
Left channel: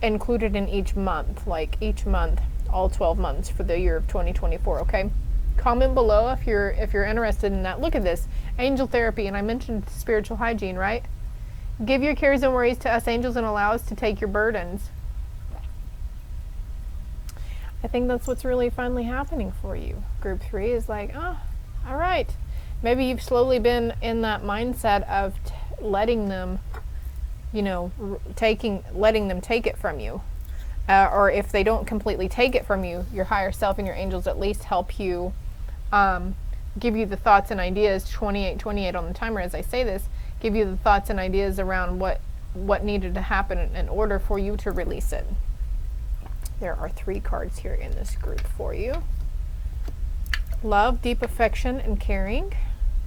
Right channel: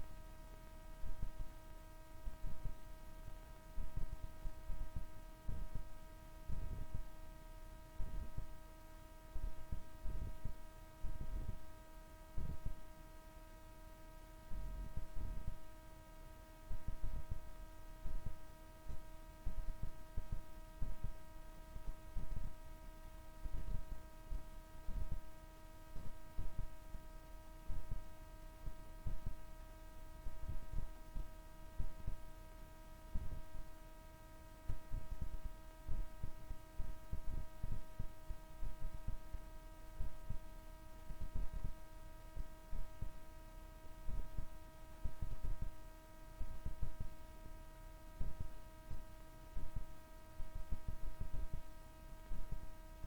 included in each month, like each month, all 12 months for the year of 2024, okay? Comment below if you're interested in that. Look at this, angel therapy, and I mentioned spiritual hygiene, right? Give your cares and worries to us angels and allow us to take your burdens. I think that's what's really finally happening for you. Group 3 is like, oh, all right. Maybe you've slowly been in that mindset of letting them, letting them take it from you. Or if they don't completely take it from you, your higher self and your angels at least help you, give you the thoughts and ideas, 2828 on the timer as I say this, give you the thoughts and ideas around what needed to happen in order for you to release it. There are 3 cards here in this group for you. Love, deep affection, and caring.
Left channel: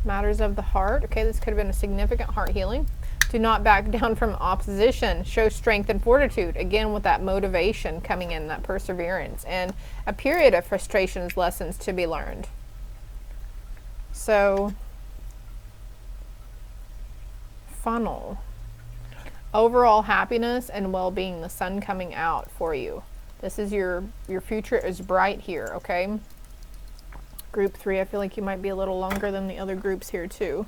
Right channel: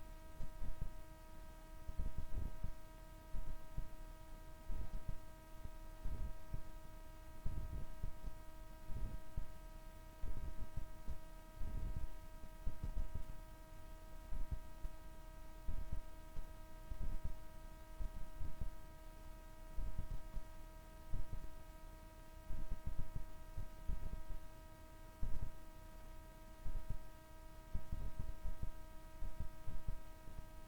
Matters of the heart. Okay, this could have been a significant heart healing. Do not back down from opposition. Show strength and fortitude. Again, with that motivation coming in, that perseverance. And a period of frustrations, lessons to be learned. So, funnel. Overall happiness and well-being. The sun coming out for you. This is your future is bright here, okay? Group 3, I feel like you might be a little longer than the other groups here too.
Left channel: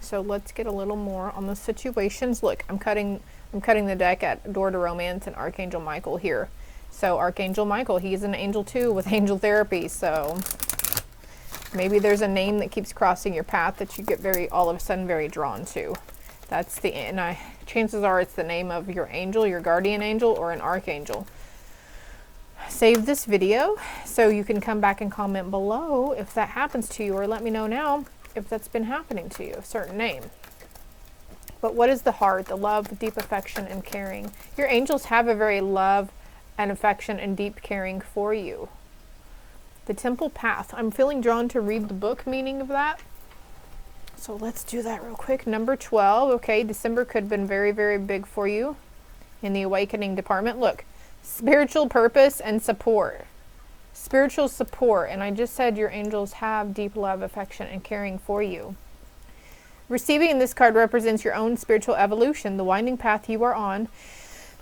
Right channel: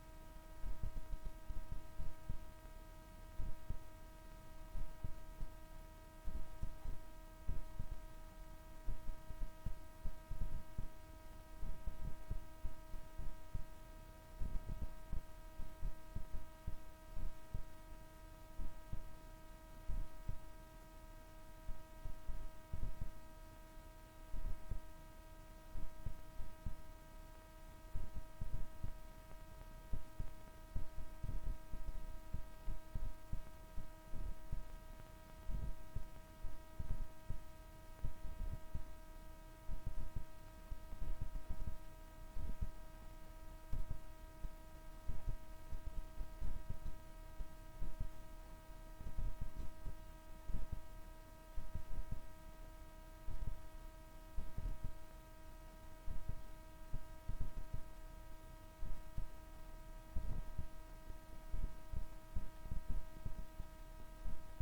So let's get a little more on the situations. Look, I'm cutting the deck at Door to Romance and Archangel Michael here. So Archangel Michael, he's an angel too with angel therapy. So maybe there's a name that keeps crossing your path that you get all of a sudden very drawn to. Chances are it's the name of your angel, your guardian angel, or an archangel. Save this video so you can come back and comment below if that happens to you, or let me know now if that's been happening to you, a certain name. But what is the heart? The love, deep affection, and caring. Your angels have a very love and affection and deep caring for you. The temple path. I'm feeling drawn to read the book meaning of that. So let's do that real quick. Number 12. Okay, December could have been very, very big for you in the awakening department. Look, spiritual purpose and support. Spiritual support. And I just said your angels have deep love, affection, and caring for you. Receiving this card represents your own spiritual evolution. The winding path you are on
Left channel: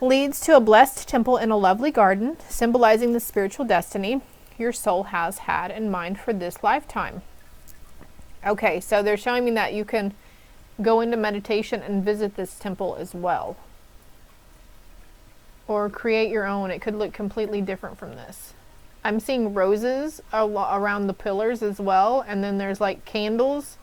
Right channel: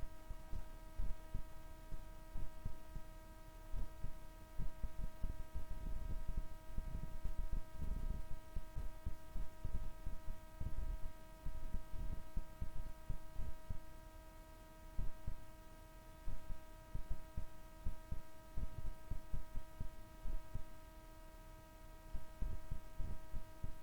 leads to a blessed temple in a lovely garden, symbolizing the spiritual destiny your soul has had in mind for this lifetime. Okay, so they're showing me that you can go into meditation and visit this temple as well. Or create your own. It could look completely different from this. I'm seeing roses around the pillars as well, and then there's like candles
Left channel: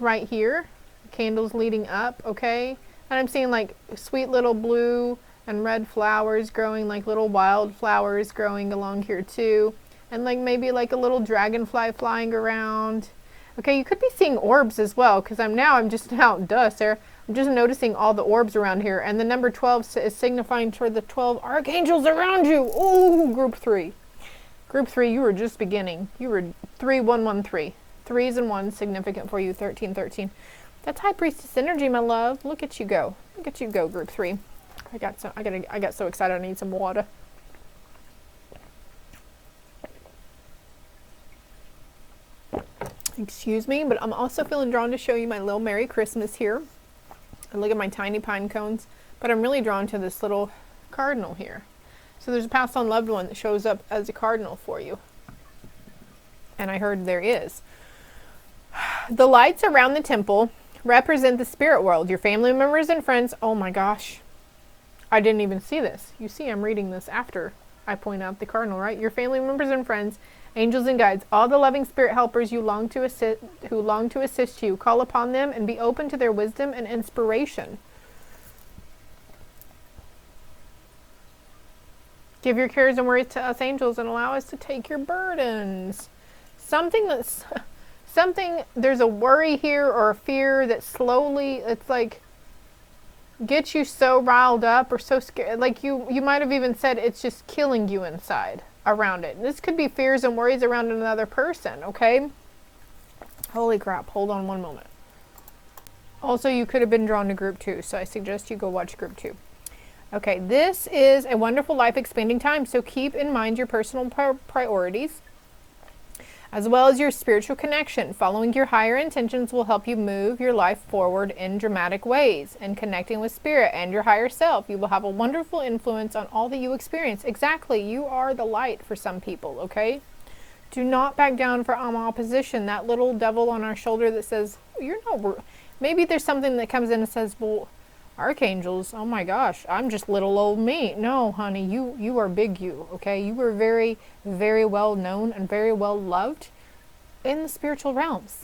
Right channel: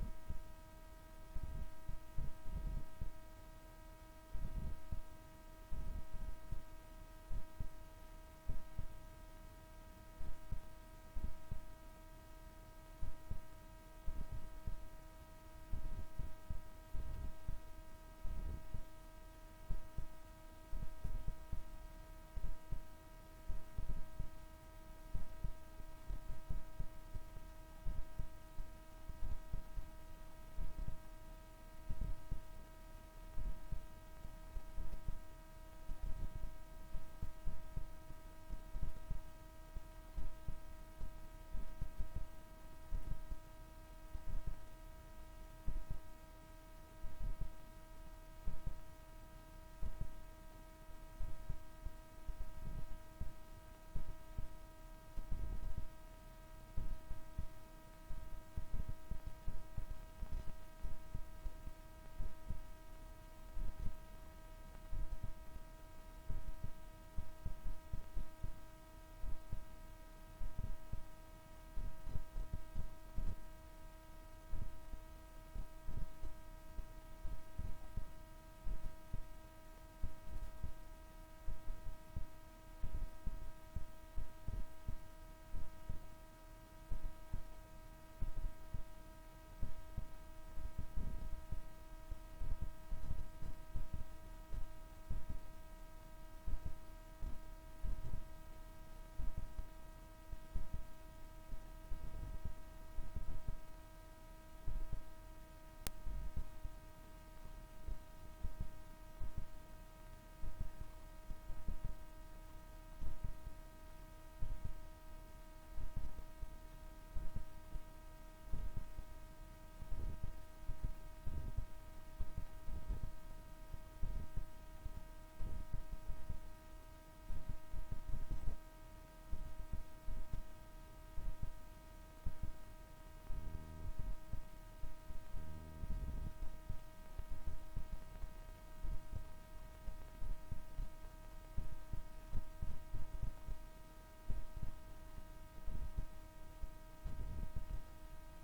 right here, candles leading up, okay? And I'm seeing like sweet little blue and red flowers growing, like little wild flowers growing along here too. And like maybe like a little dragonfly flying around. Okay, you could be seeing orbs as well, because I'm just Sarah. I'm just noticing all the orbs around here. And the number 12 is signifying toward the 12 archangels around you. Oh, group 3. Group 3, you were just beginning. You were 3113. 3s and 1s significant for you. 1313. That's High Priestess energy, my love. Look at you go. Look at you go, group 3. I got so excited. I need some water. Excuse me, but I'm also feeling drawn to show you my little Merry Christmas here. And look at my tiny pine cones. But I'm really drawn to this little cardinal here. So there's a passed on loved one that shows up as a cardinal for you. And I heard there is. The lights around the temple represent the spirit world, your family members and friends. Oh my gosh. I didn't even see this. You see, I'm reading this after I point out the cardinal, right? Your family members and friends, angels and guides, all the loving spirit helpers who long to assist you. Call upon them and be open to their wisdom and inspiration. Give your cares and worries to us angels and allow us to take your burdens. There's a worry here or a fear that slowly, it's like, gets you so riled up or so scared. Like you might have even said it's just killing you inside around it. This could be fears and worries around another person, okay? Holy crap, hold on one moment. Also, you could have been drawn to group 2, so I suggest you go watch group 2. Okay, this is a wonderful life expanding time, so keep in mind your personal priorities as well as your spiritual connection. Following your higher intentions will help you move your life forward in dramatic ways. And connecting with spirit and your higher self, you will have a wonderful influence on all that you experience. Exactly, you are the light for some people, okay? Do not back down for opposition. That little devil on our shoulder that says, you're not, maybe there's something that comes in and says, well, archangels, oh my gosh, I'm just little old me. No, honey, you are big you, okay? You were very, very well known and very well loved in the spiritual realms.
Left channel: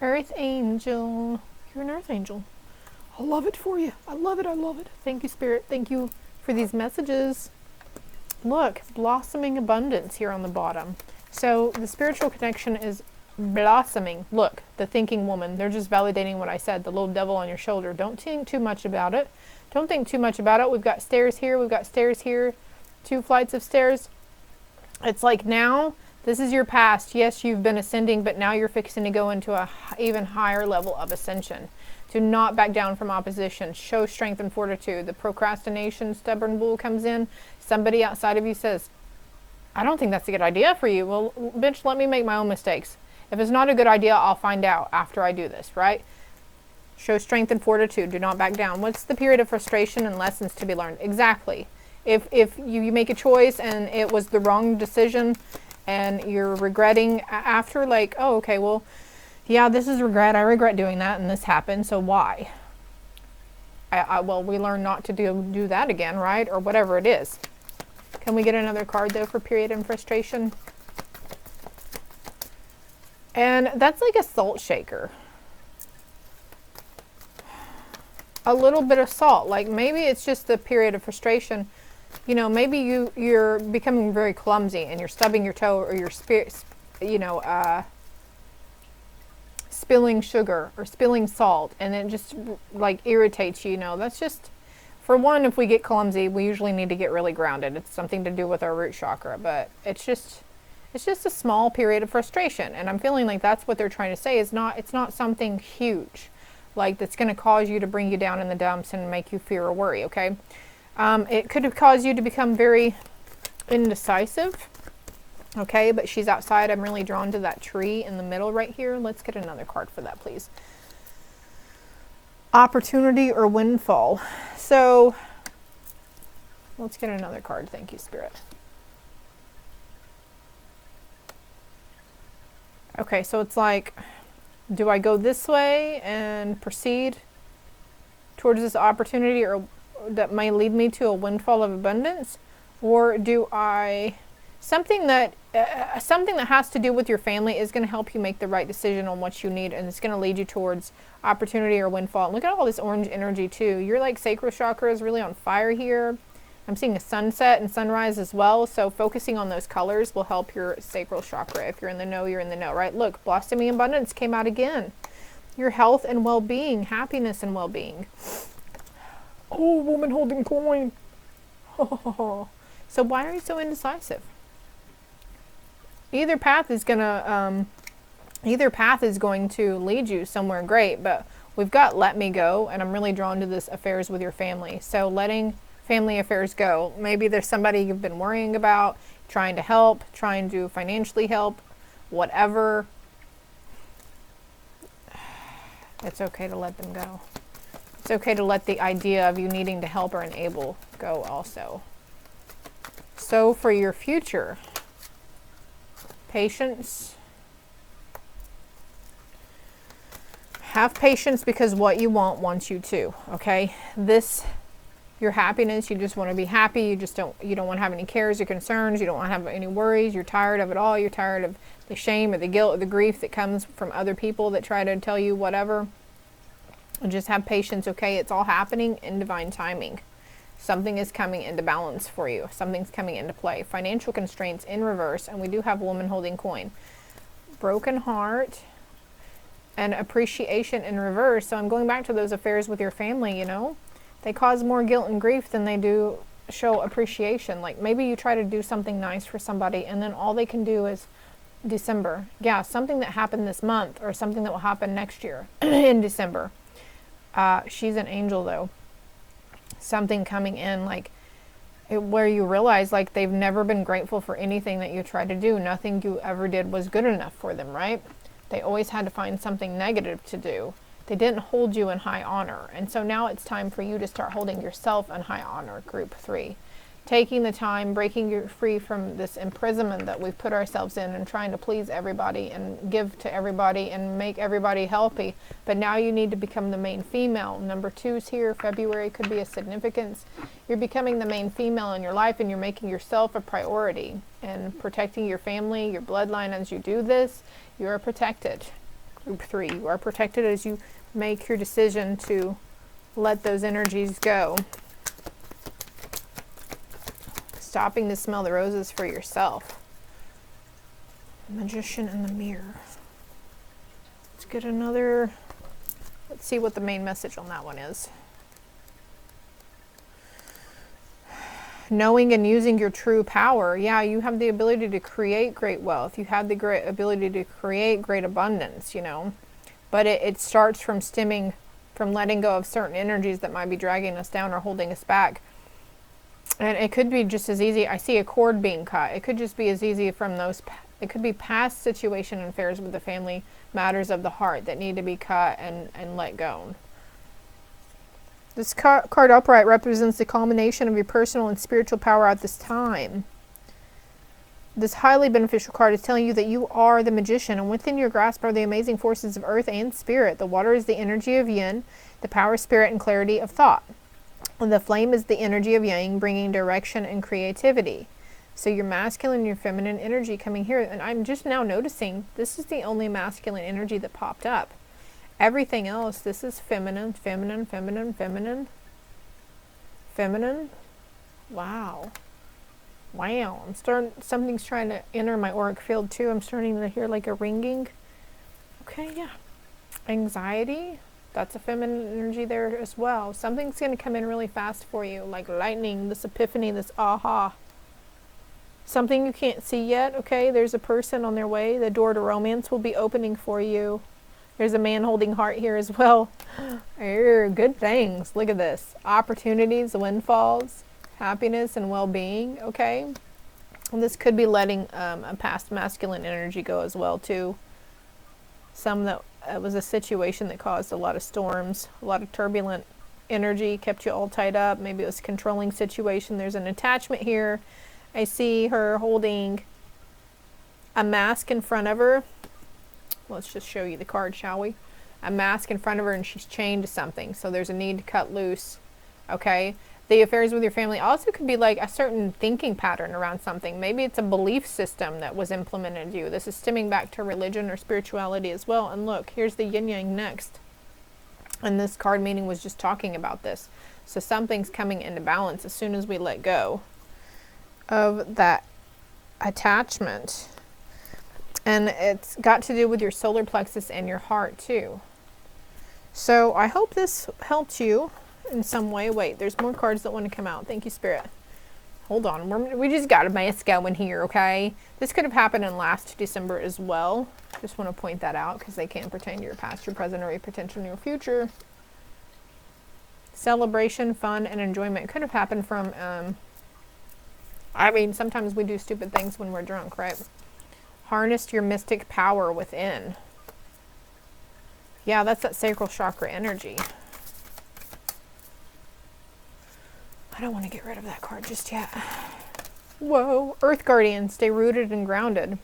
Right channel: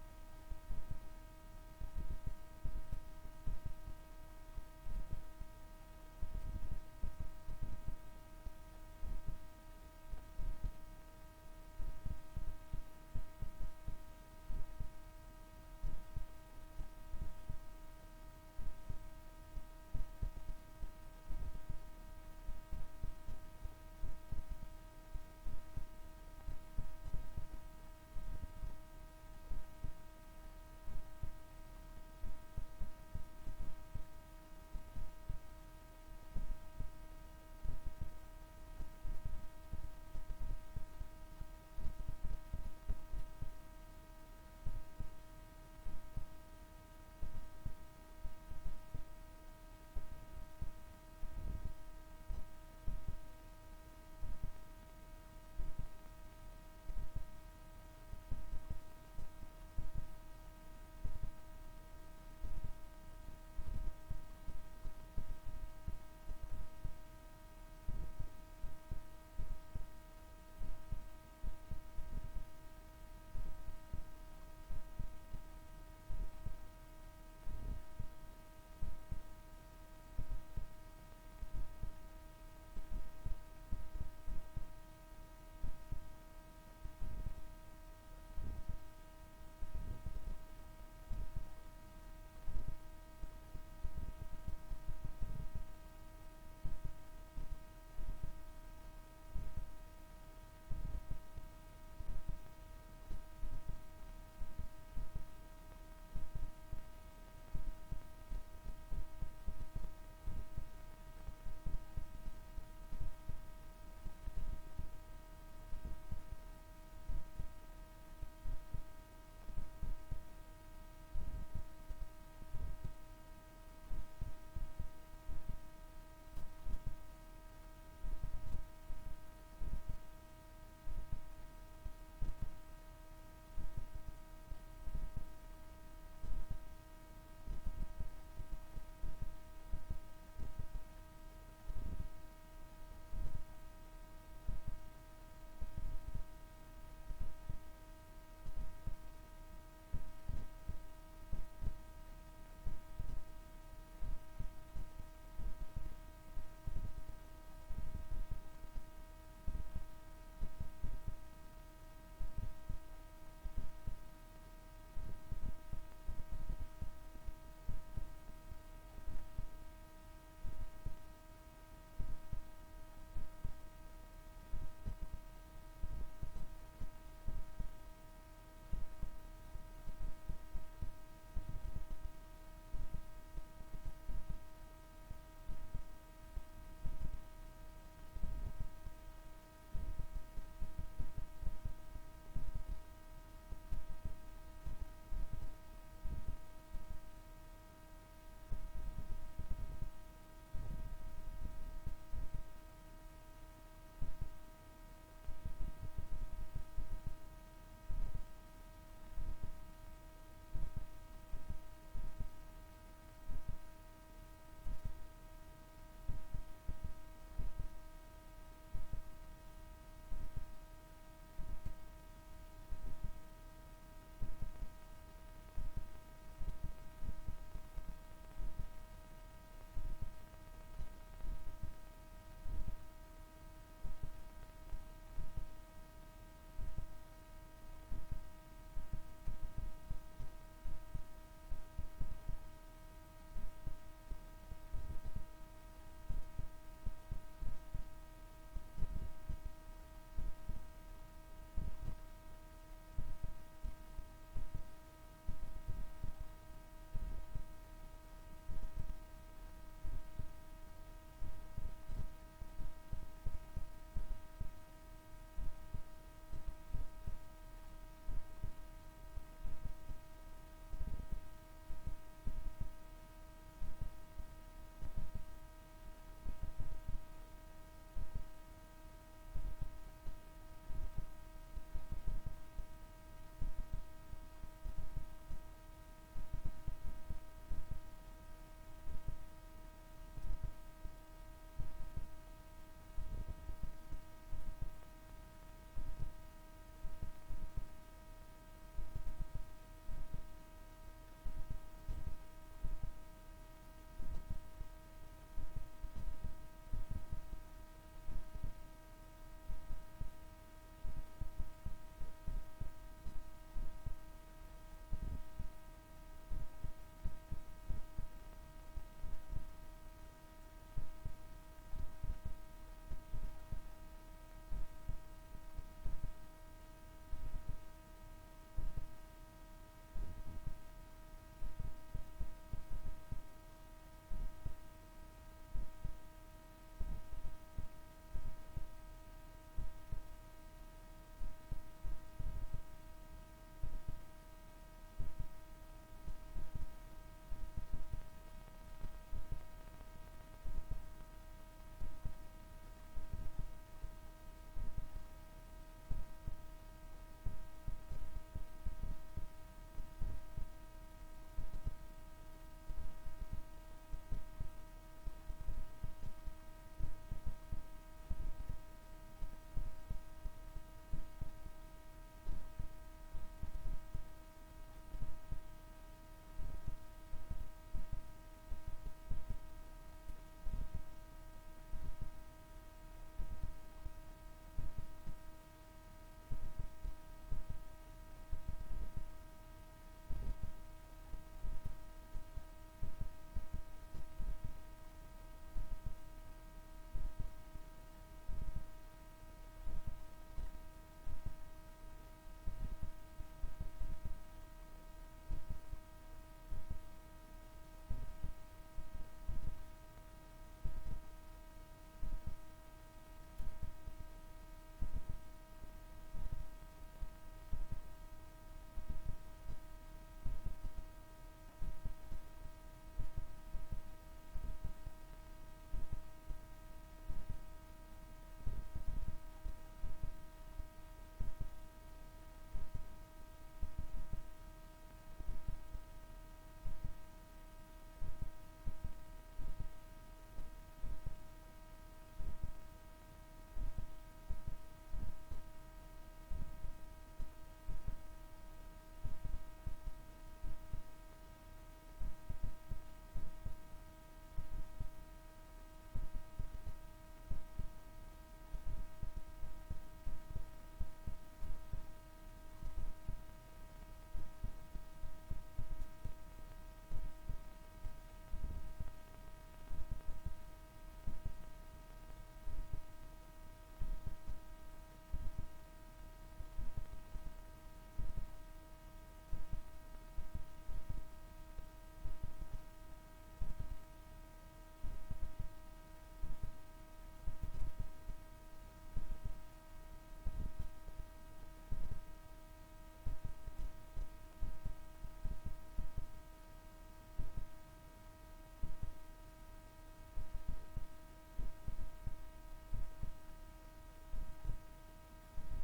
Earth angel. You're an earth angel. I love it for you. I love it. I love it. Thank you, Spirit. Thank you for these messages. Look, blossoming abundance here on the bottom. So the spiritual connection is blossoming. Look, the thinking woman, they're just validating what I said, the little devil on your shoulder. Don't think too much about it. Don't think too much about it. We've got stairs here. We've got stairs here. 2 flights of stairs. It's like now, this is your past. Yes, you've been ascending, but now you're fixing to go into a even higher level of ascension. Do not back down from opposition. Show strength and fortitude. The procrastination, stubborn bull comes in. Somebody outside of you says, I don't think that's a good idea for you. Well, bitch, let me make my own mistakes. If it's not a good idea, I'll find out after I do this, right? Show strength and fortitude. Do not back down. What's the period of frustration and lessons to be learned? Exactly. If you make a choice and it was the wrong decision and you're regretting after, like, oh, okay, well, yeah, this is regret. I regret doing that and this happened, so why? Well, we learn not to do that again, right? Or whatever it is. Can we get another card, though, for period and frustration? And that's like a salt shaker. A little bit of salt. Like maybe it's just the period of frustration. You know, maybe you're becoming very clumsy and you're stubbing your toe or your spirit, spilling sugar or spilling salt, and it just like irritates you, you know. That's just, for one, if we get clumsy, we usually need to get really grounded. It's something to do with our root chakra, but it's just a small period of frustration. And I'm feeling like that's what they're trying to say, is it's not something huge, like that's going to cause you to bring you down in the dumps and make you fear or worry, okay? It could have caused you to become very indecisive, okay? But she's outside. I'm really drawn to that tree in the middle right here. Let's get another card for that, please. Opportunity or windfall. So let's get another card. Thank you, Spirit. Okay, so it's like, do I go this way and proceed towards this opportunity, or that may lead me to a windfall of abundance? Or do I, something that has to do with your family is going to help you make the right decision on what you need, and it's going to lead you towards opportunity or windfall. And look at all this orange energy too. Your like sacral chakra is really on fire here. I'm seeing a sunset and sunrise as well, so focusing on those colors will help your sacral chakra. If you're in the know, you're in the know, right? Look, blossoming abundance came out again. Your health and well-being, happiness and well-being. Oh, woman holding coin. Oh. So why are you so indecisive? Either path is going to lead you somewhere great, but we've got let me go, and I'm really drawn to this affairs with your family. So letting family affairs go. Maybe there's somebody you've been worrying about, trying to help, trying to financially help, whatever. It's okay to let them go. It's okay to let the idea of you needing to help or enable go also. So for your future, patience. Have patience, because what you want wants you to, okay? Your happiness, you just want to be happy. You don't want to have any cares or concerns. You don't want to have any worries. You're tired of it all. You're tired of the shame or the guilt or the grief that comes from other people that try to tell you whatever. And just have patience, okay? It's all happening in divine timing. Something is coming into balance for you. Something's coming into play. Financial constraints in reverse, and we do have woman holding coin. Broken heart and appreciation in reverse. So I'm going back to those affairs with your family, you know? They cause more guilt and grief than they do show appreciation. Like maybe you try to do something nice for somebody, and then all they can do is December. Yeah, something that happened this month, or something that will happen next year in December. She's an angel though. Something coming in like where you realize like they've never been grateful for anything that you tried to do. Nothing you ever did was good enough for them, right? They always had to find something negative to do. They didn't hold you in high honor. And so now it's time for you to start holding yourself in high honor, group 3. Taking the time, breaking you free from this imprisonment that we've put ourselves in, and trying to please everybody and give to everybody and make everybody healthy. But now you need to become the main female. Number 2's here. February could be a significance. You're becoming the main female in your life, and you're making yourself a priority and protecting your family, your bloodline. As you do this, you are protected. Group 3, you are protected as you make your decision to let those energies go. Stopping to smell the roses for yourself. Magician in the mirror. Let's get another. Let's see what the main message on that one is. Knowing and using your true power. Yeah, you have the ability to create great wealth. You have the great ability to create great abundance, you know. But it starts from stemming from letting go of certain energies that might be dragging us down or holding us back. And it could be just as easy. I see a cord being cut. It could just be as easy from those. It could be past situation and affairs with the family, matters of the heart that need to be cut and let go. This card upright represents the culmination of your personal and spiritual power at this time. This highly beneficial card is telling you that you are the magician, and within your grasp are the amazing forces of earth and spirit. The water is the energy of yin, the power of spirit and clarity of thought. And the flame is the energy of yang, bringing direction and creativity. So your masculine and your feminine energy coming here. And I'm just now noticing this is the only masculine energy that popped up. Everything else, this is feminine, feminine, feminine, feminine, feminine. Wow. Wow. Something's trying to enter my auric field too. I'm starting to hear like a ringing. Okay, yeah. Anxiety, that's a feminine energy there as well. Something's going to come in really fast for you, like lightning, this epiphany, this aha. Something you can't see yet, okay? There's a person on their way. The door to romance will be opening for you. There's a man holding heart here as well. Good things. Look at this. Opportunities, windfalls, happiness, and well-being, okay? And this could be letting a past masculine energy go as well, too. Some that it was a situation that caused a lot of storms, a lot of turbulent energy, kept you all tied up. Maybe it was a controlling situation. There's an attachment here. I see her holding a mask in front of her. Let's just show you the card, shall we? A mask in front of her, and she's chained to something. So there's a need to cut loose. Okay? The affairs with your family also could be like a certain thinking pattern around something. Maybe it's a belief system that was implemented in you. This is stemming back to religion or spirituality as well. And look, here's the yin-yang next. And this card meaning was just talking about this. So something's coming into balance as soon as we let go of that attachment. And it's got to do with your solar plexus and your heart too. So I hope this helped you in some way. Wait, there's more cards that want to come out. Thank you, Spirit. Hold on. We just got a mess going here, okay? This could have happened in last December as well. Just want to point that out because they can't pertain to your past, your present, or your potential in your future. Celebration, fun, and enjoyment could have happened from, I mean, sometimes we do stupid things when we're drunk, right? Harness your mystic power within. Yeah, that's that sacral chakra energy. I don't want to get rid of that card just yet. Whoa. Earth Guardian, stay rooted and grounded.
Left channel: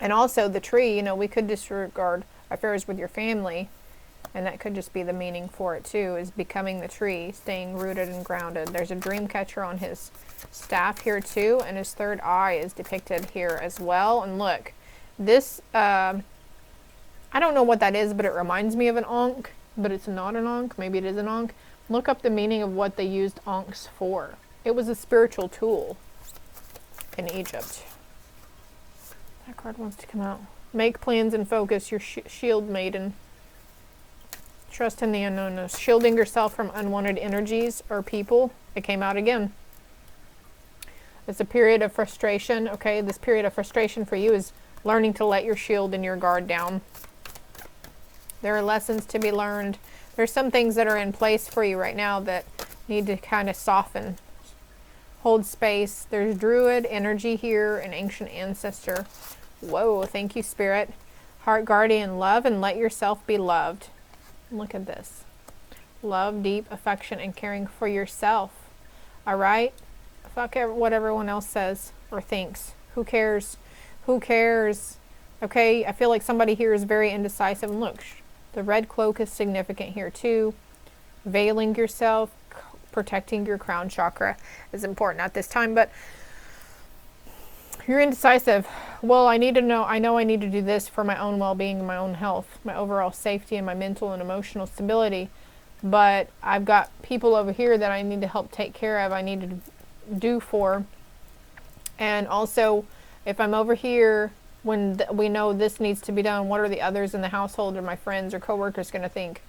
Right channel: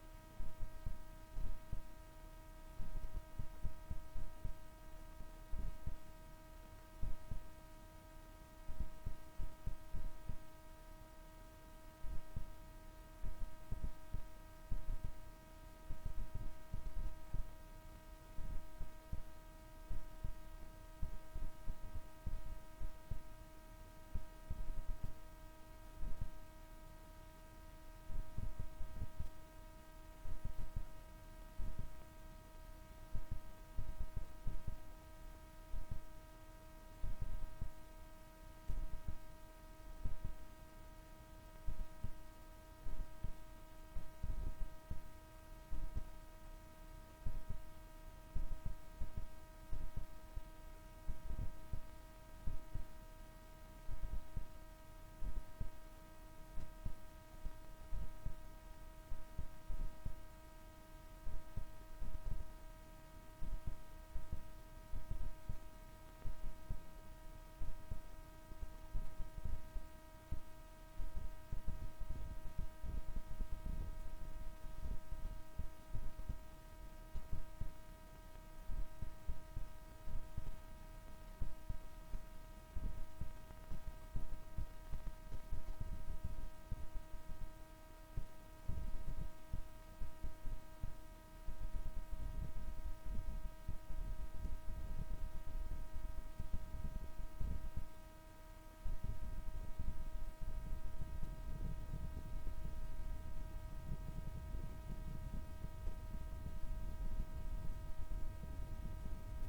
And also the tree, you know, we could disregard affairs with your family. And that could just be the meaning for it too, is becoming the tree, staying rooted and grounded. There's a dream catcher on his staff here too, and his third eye is depicted here as well. And look, this, I don't know what that is, but it reminds me of an Ankh, but it's not an Ankh. Maybe it is an Ankh. Look up the meaning of what they used Ankhs for. It was a spiritual tool in Egypt. That card wants to come out. Make plans and focus, your shield maiden. Trust in the unknownness. Shielding yourself from unwanted energies or people. It came out again. It's a period of frustration. Okay, this period of frustration for you is learning to let your shield and your guard down. There are lessons to be learned. There's some things that are in place for you right now that need to kind of soften. Hold space. There's druid energy here, an ancient ancestor. Whoa, thank you, Spirit. Heart guardian, love and let yourself be loved. Look at this. Love, deep affection, and caring for yourself. All right? Fuck what everyone else says or thinks. Who cares? Who cares? Okay, I feel like somebody here is very indecisive. And look, the red cloak is significant here too. Veiling yourself, protecting your crown chakra is important at this time. But you're indecisive. Well, I know I need to do this for my own well-being and my own health, my overall safety and my mental and emotional stability. But I've got people over here that I need to help take care of, I need to do for. And also, if I'm over here when we know this needs to be done, what are the others in the household or my friends or coworkers going to think?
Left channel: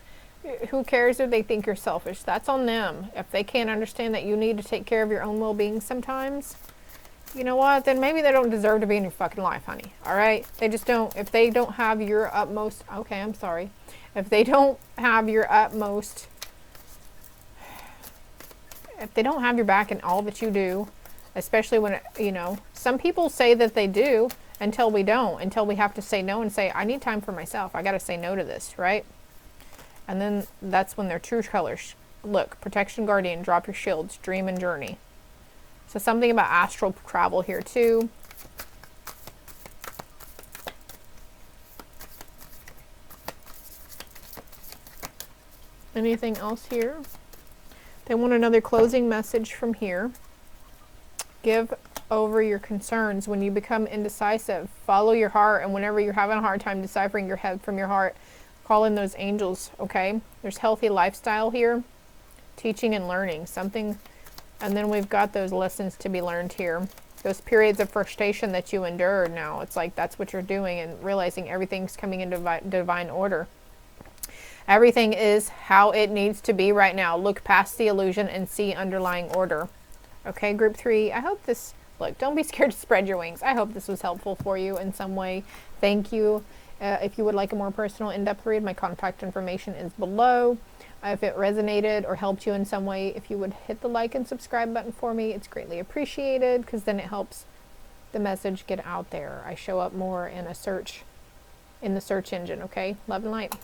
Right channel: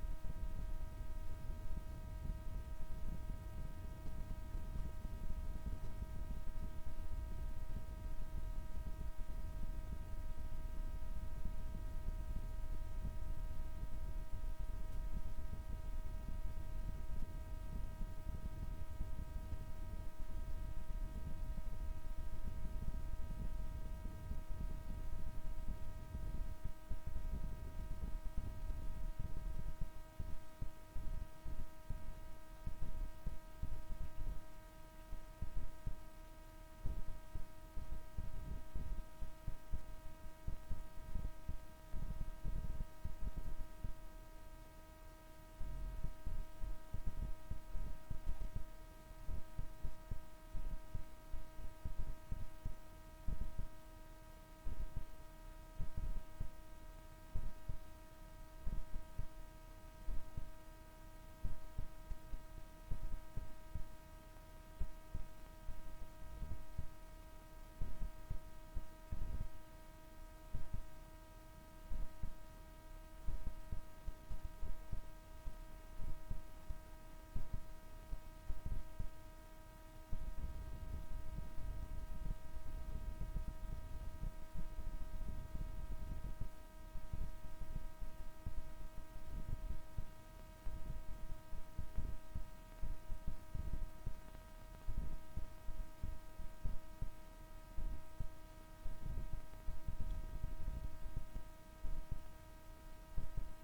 Who cares if they think you're selfish? That's on them. If they can't understand that you need to take care of your own well-being sometimes, you know what? Then maybe they don't deserve to be in your fucking life, honey. All right? They just don't. If they don't have your utmost, okay, I'm sorry. If they don't have your utmost, if they don't have your back in all that you do, especially when, you know, some people say that they do until we don't, until we have to say no and say, I need time for myself. I got to say no to this, right? And then that's when their true colors. Look, protection guardian, drop your shields, dream and journey. So something about astral travel here too. Anything else here? They want another closing message from here. Give over your concerns when you become indecisive. Follow your heart, and whenever you're having a hard time deciphering your head from your heart, call in those angels, okay? There's healthy lifestyle here, teaching and learning, something, and then we've got those lessons to be learned here. Those periods of frustration that you endured now, it's like that's what you're doing and realizing everything's coming into divine order. Everything is how it needs to be right now. Look past the illusion and see underlying order. Okay, group 3, I hope this, look, don't be scared to spread your wings. I hope this was helpful for you in some way. Thank you. If you would like a more personal, in-depth read, my contact information is below. If it resonated or helped you in some way, if you would hit the like and subscribe button for me, it's greatly appreciated, because then it helps the message get out there. I show up more in a search, in the search engine, okay? Love and light.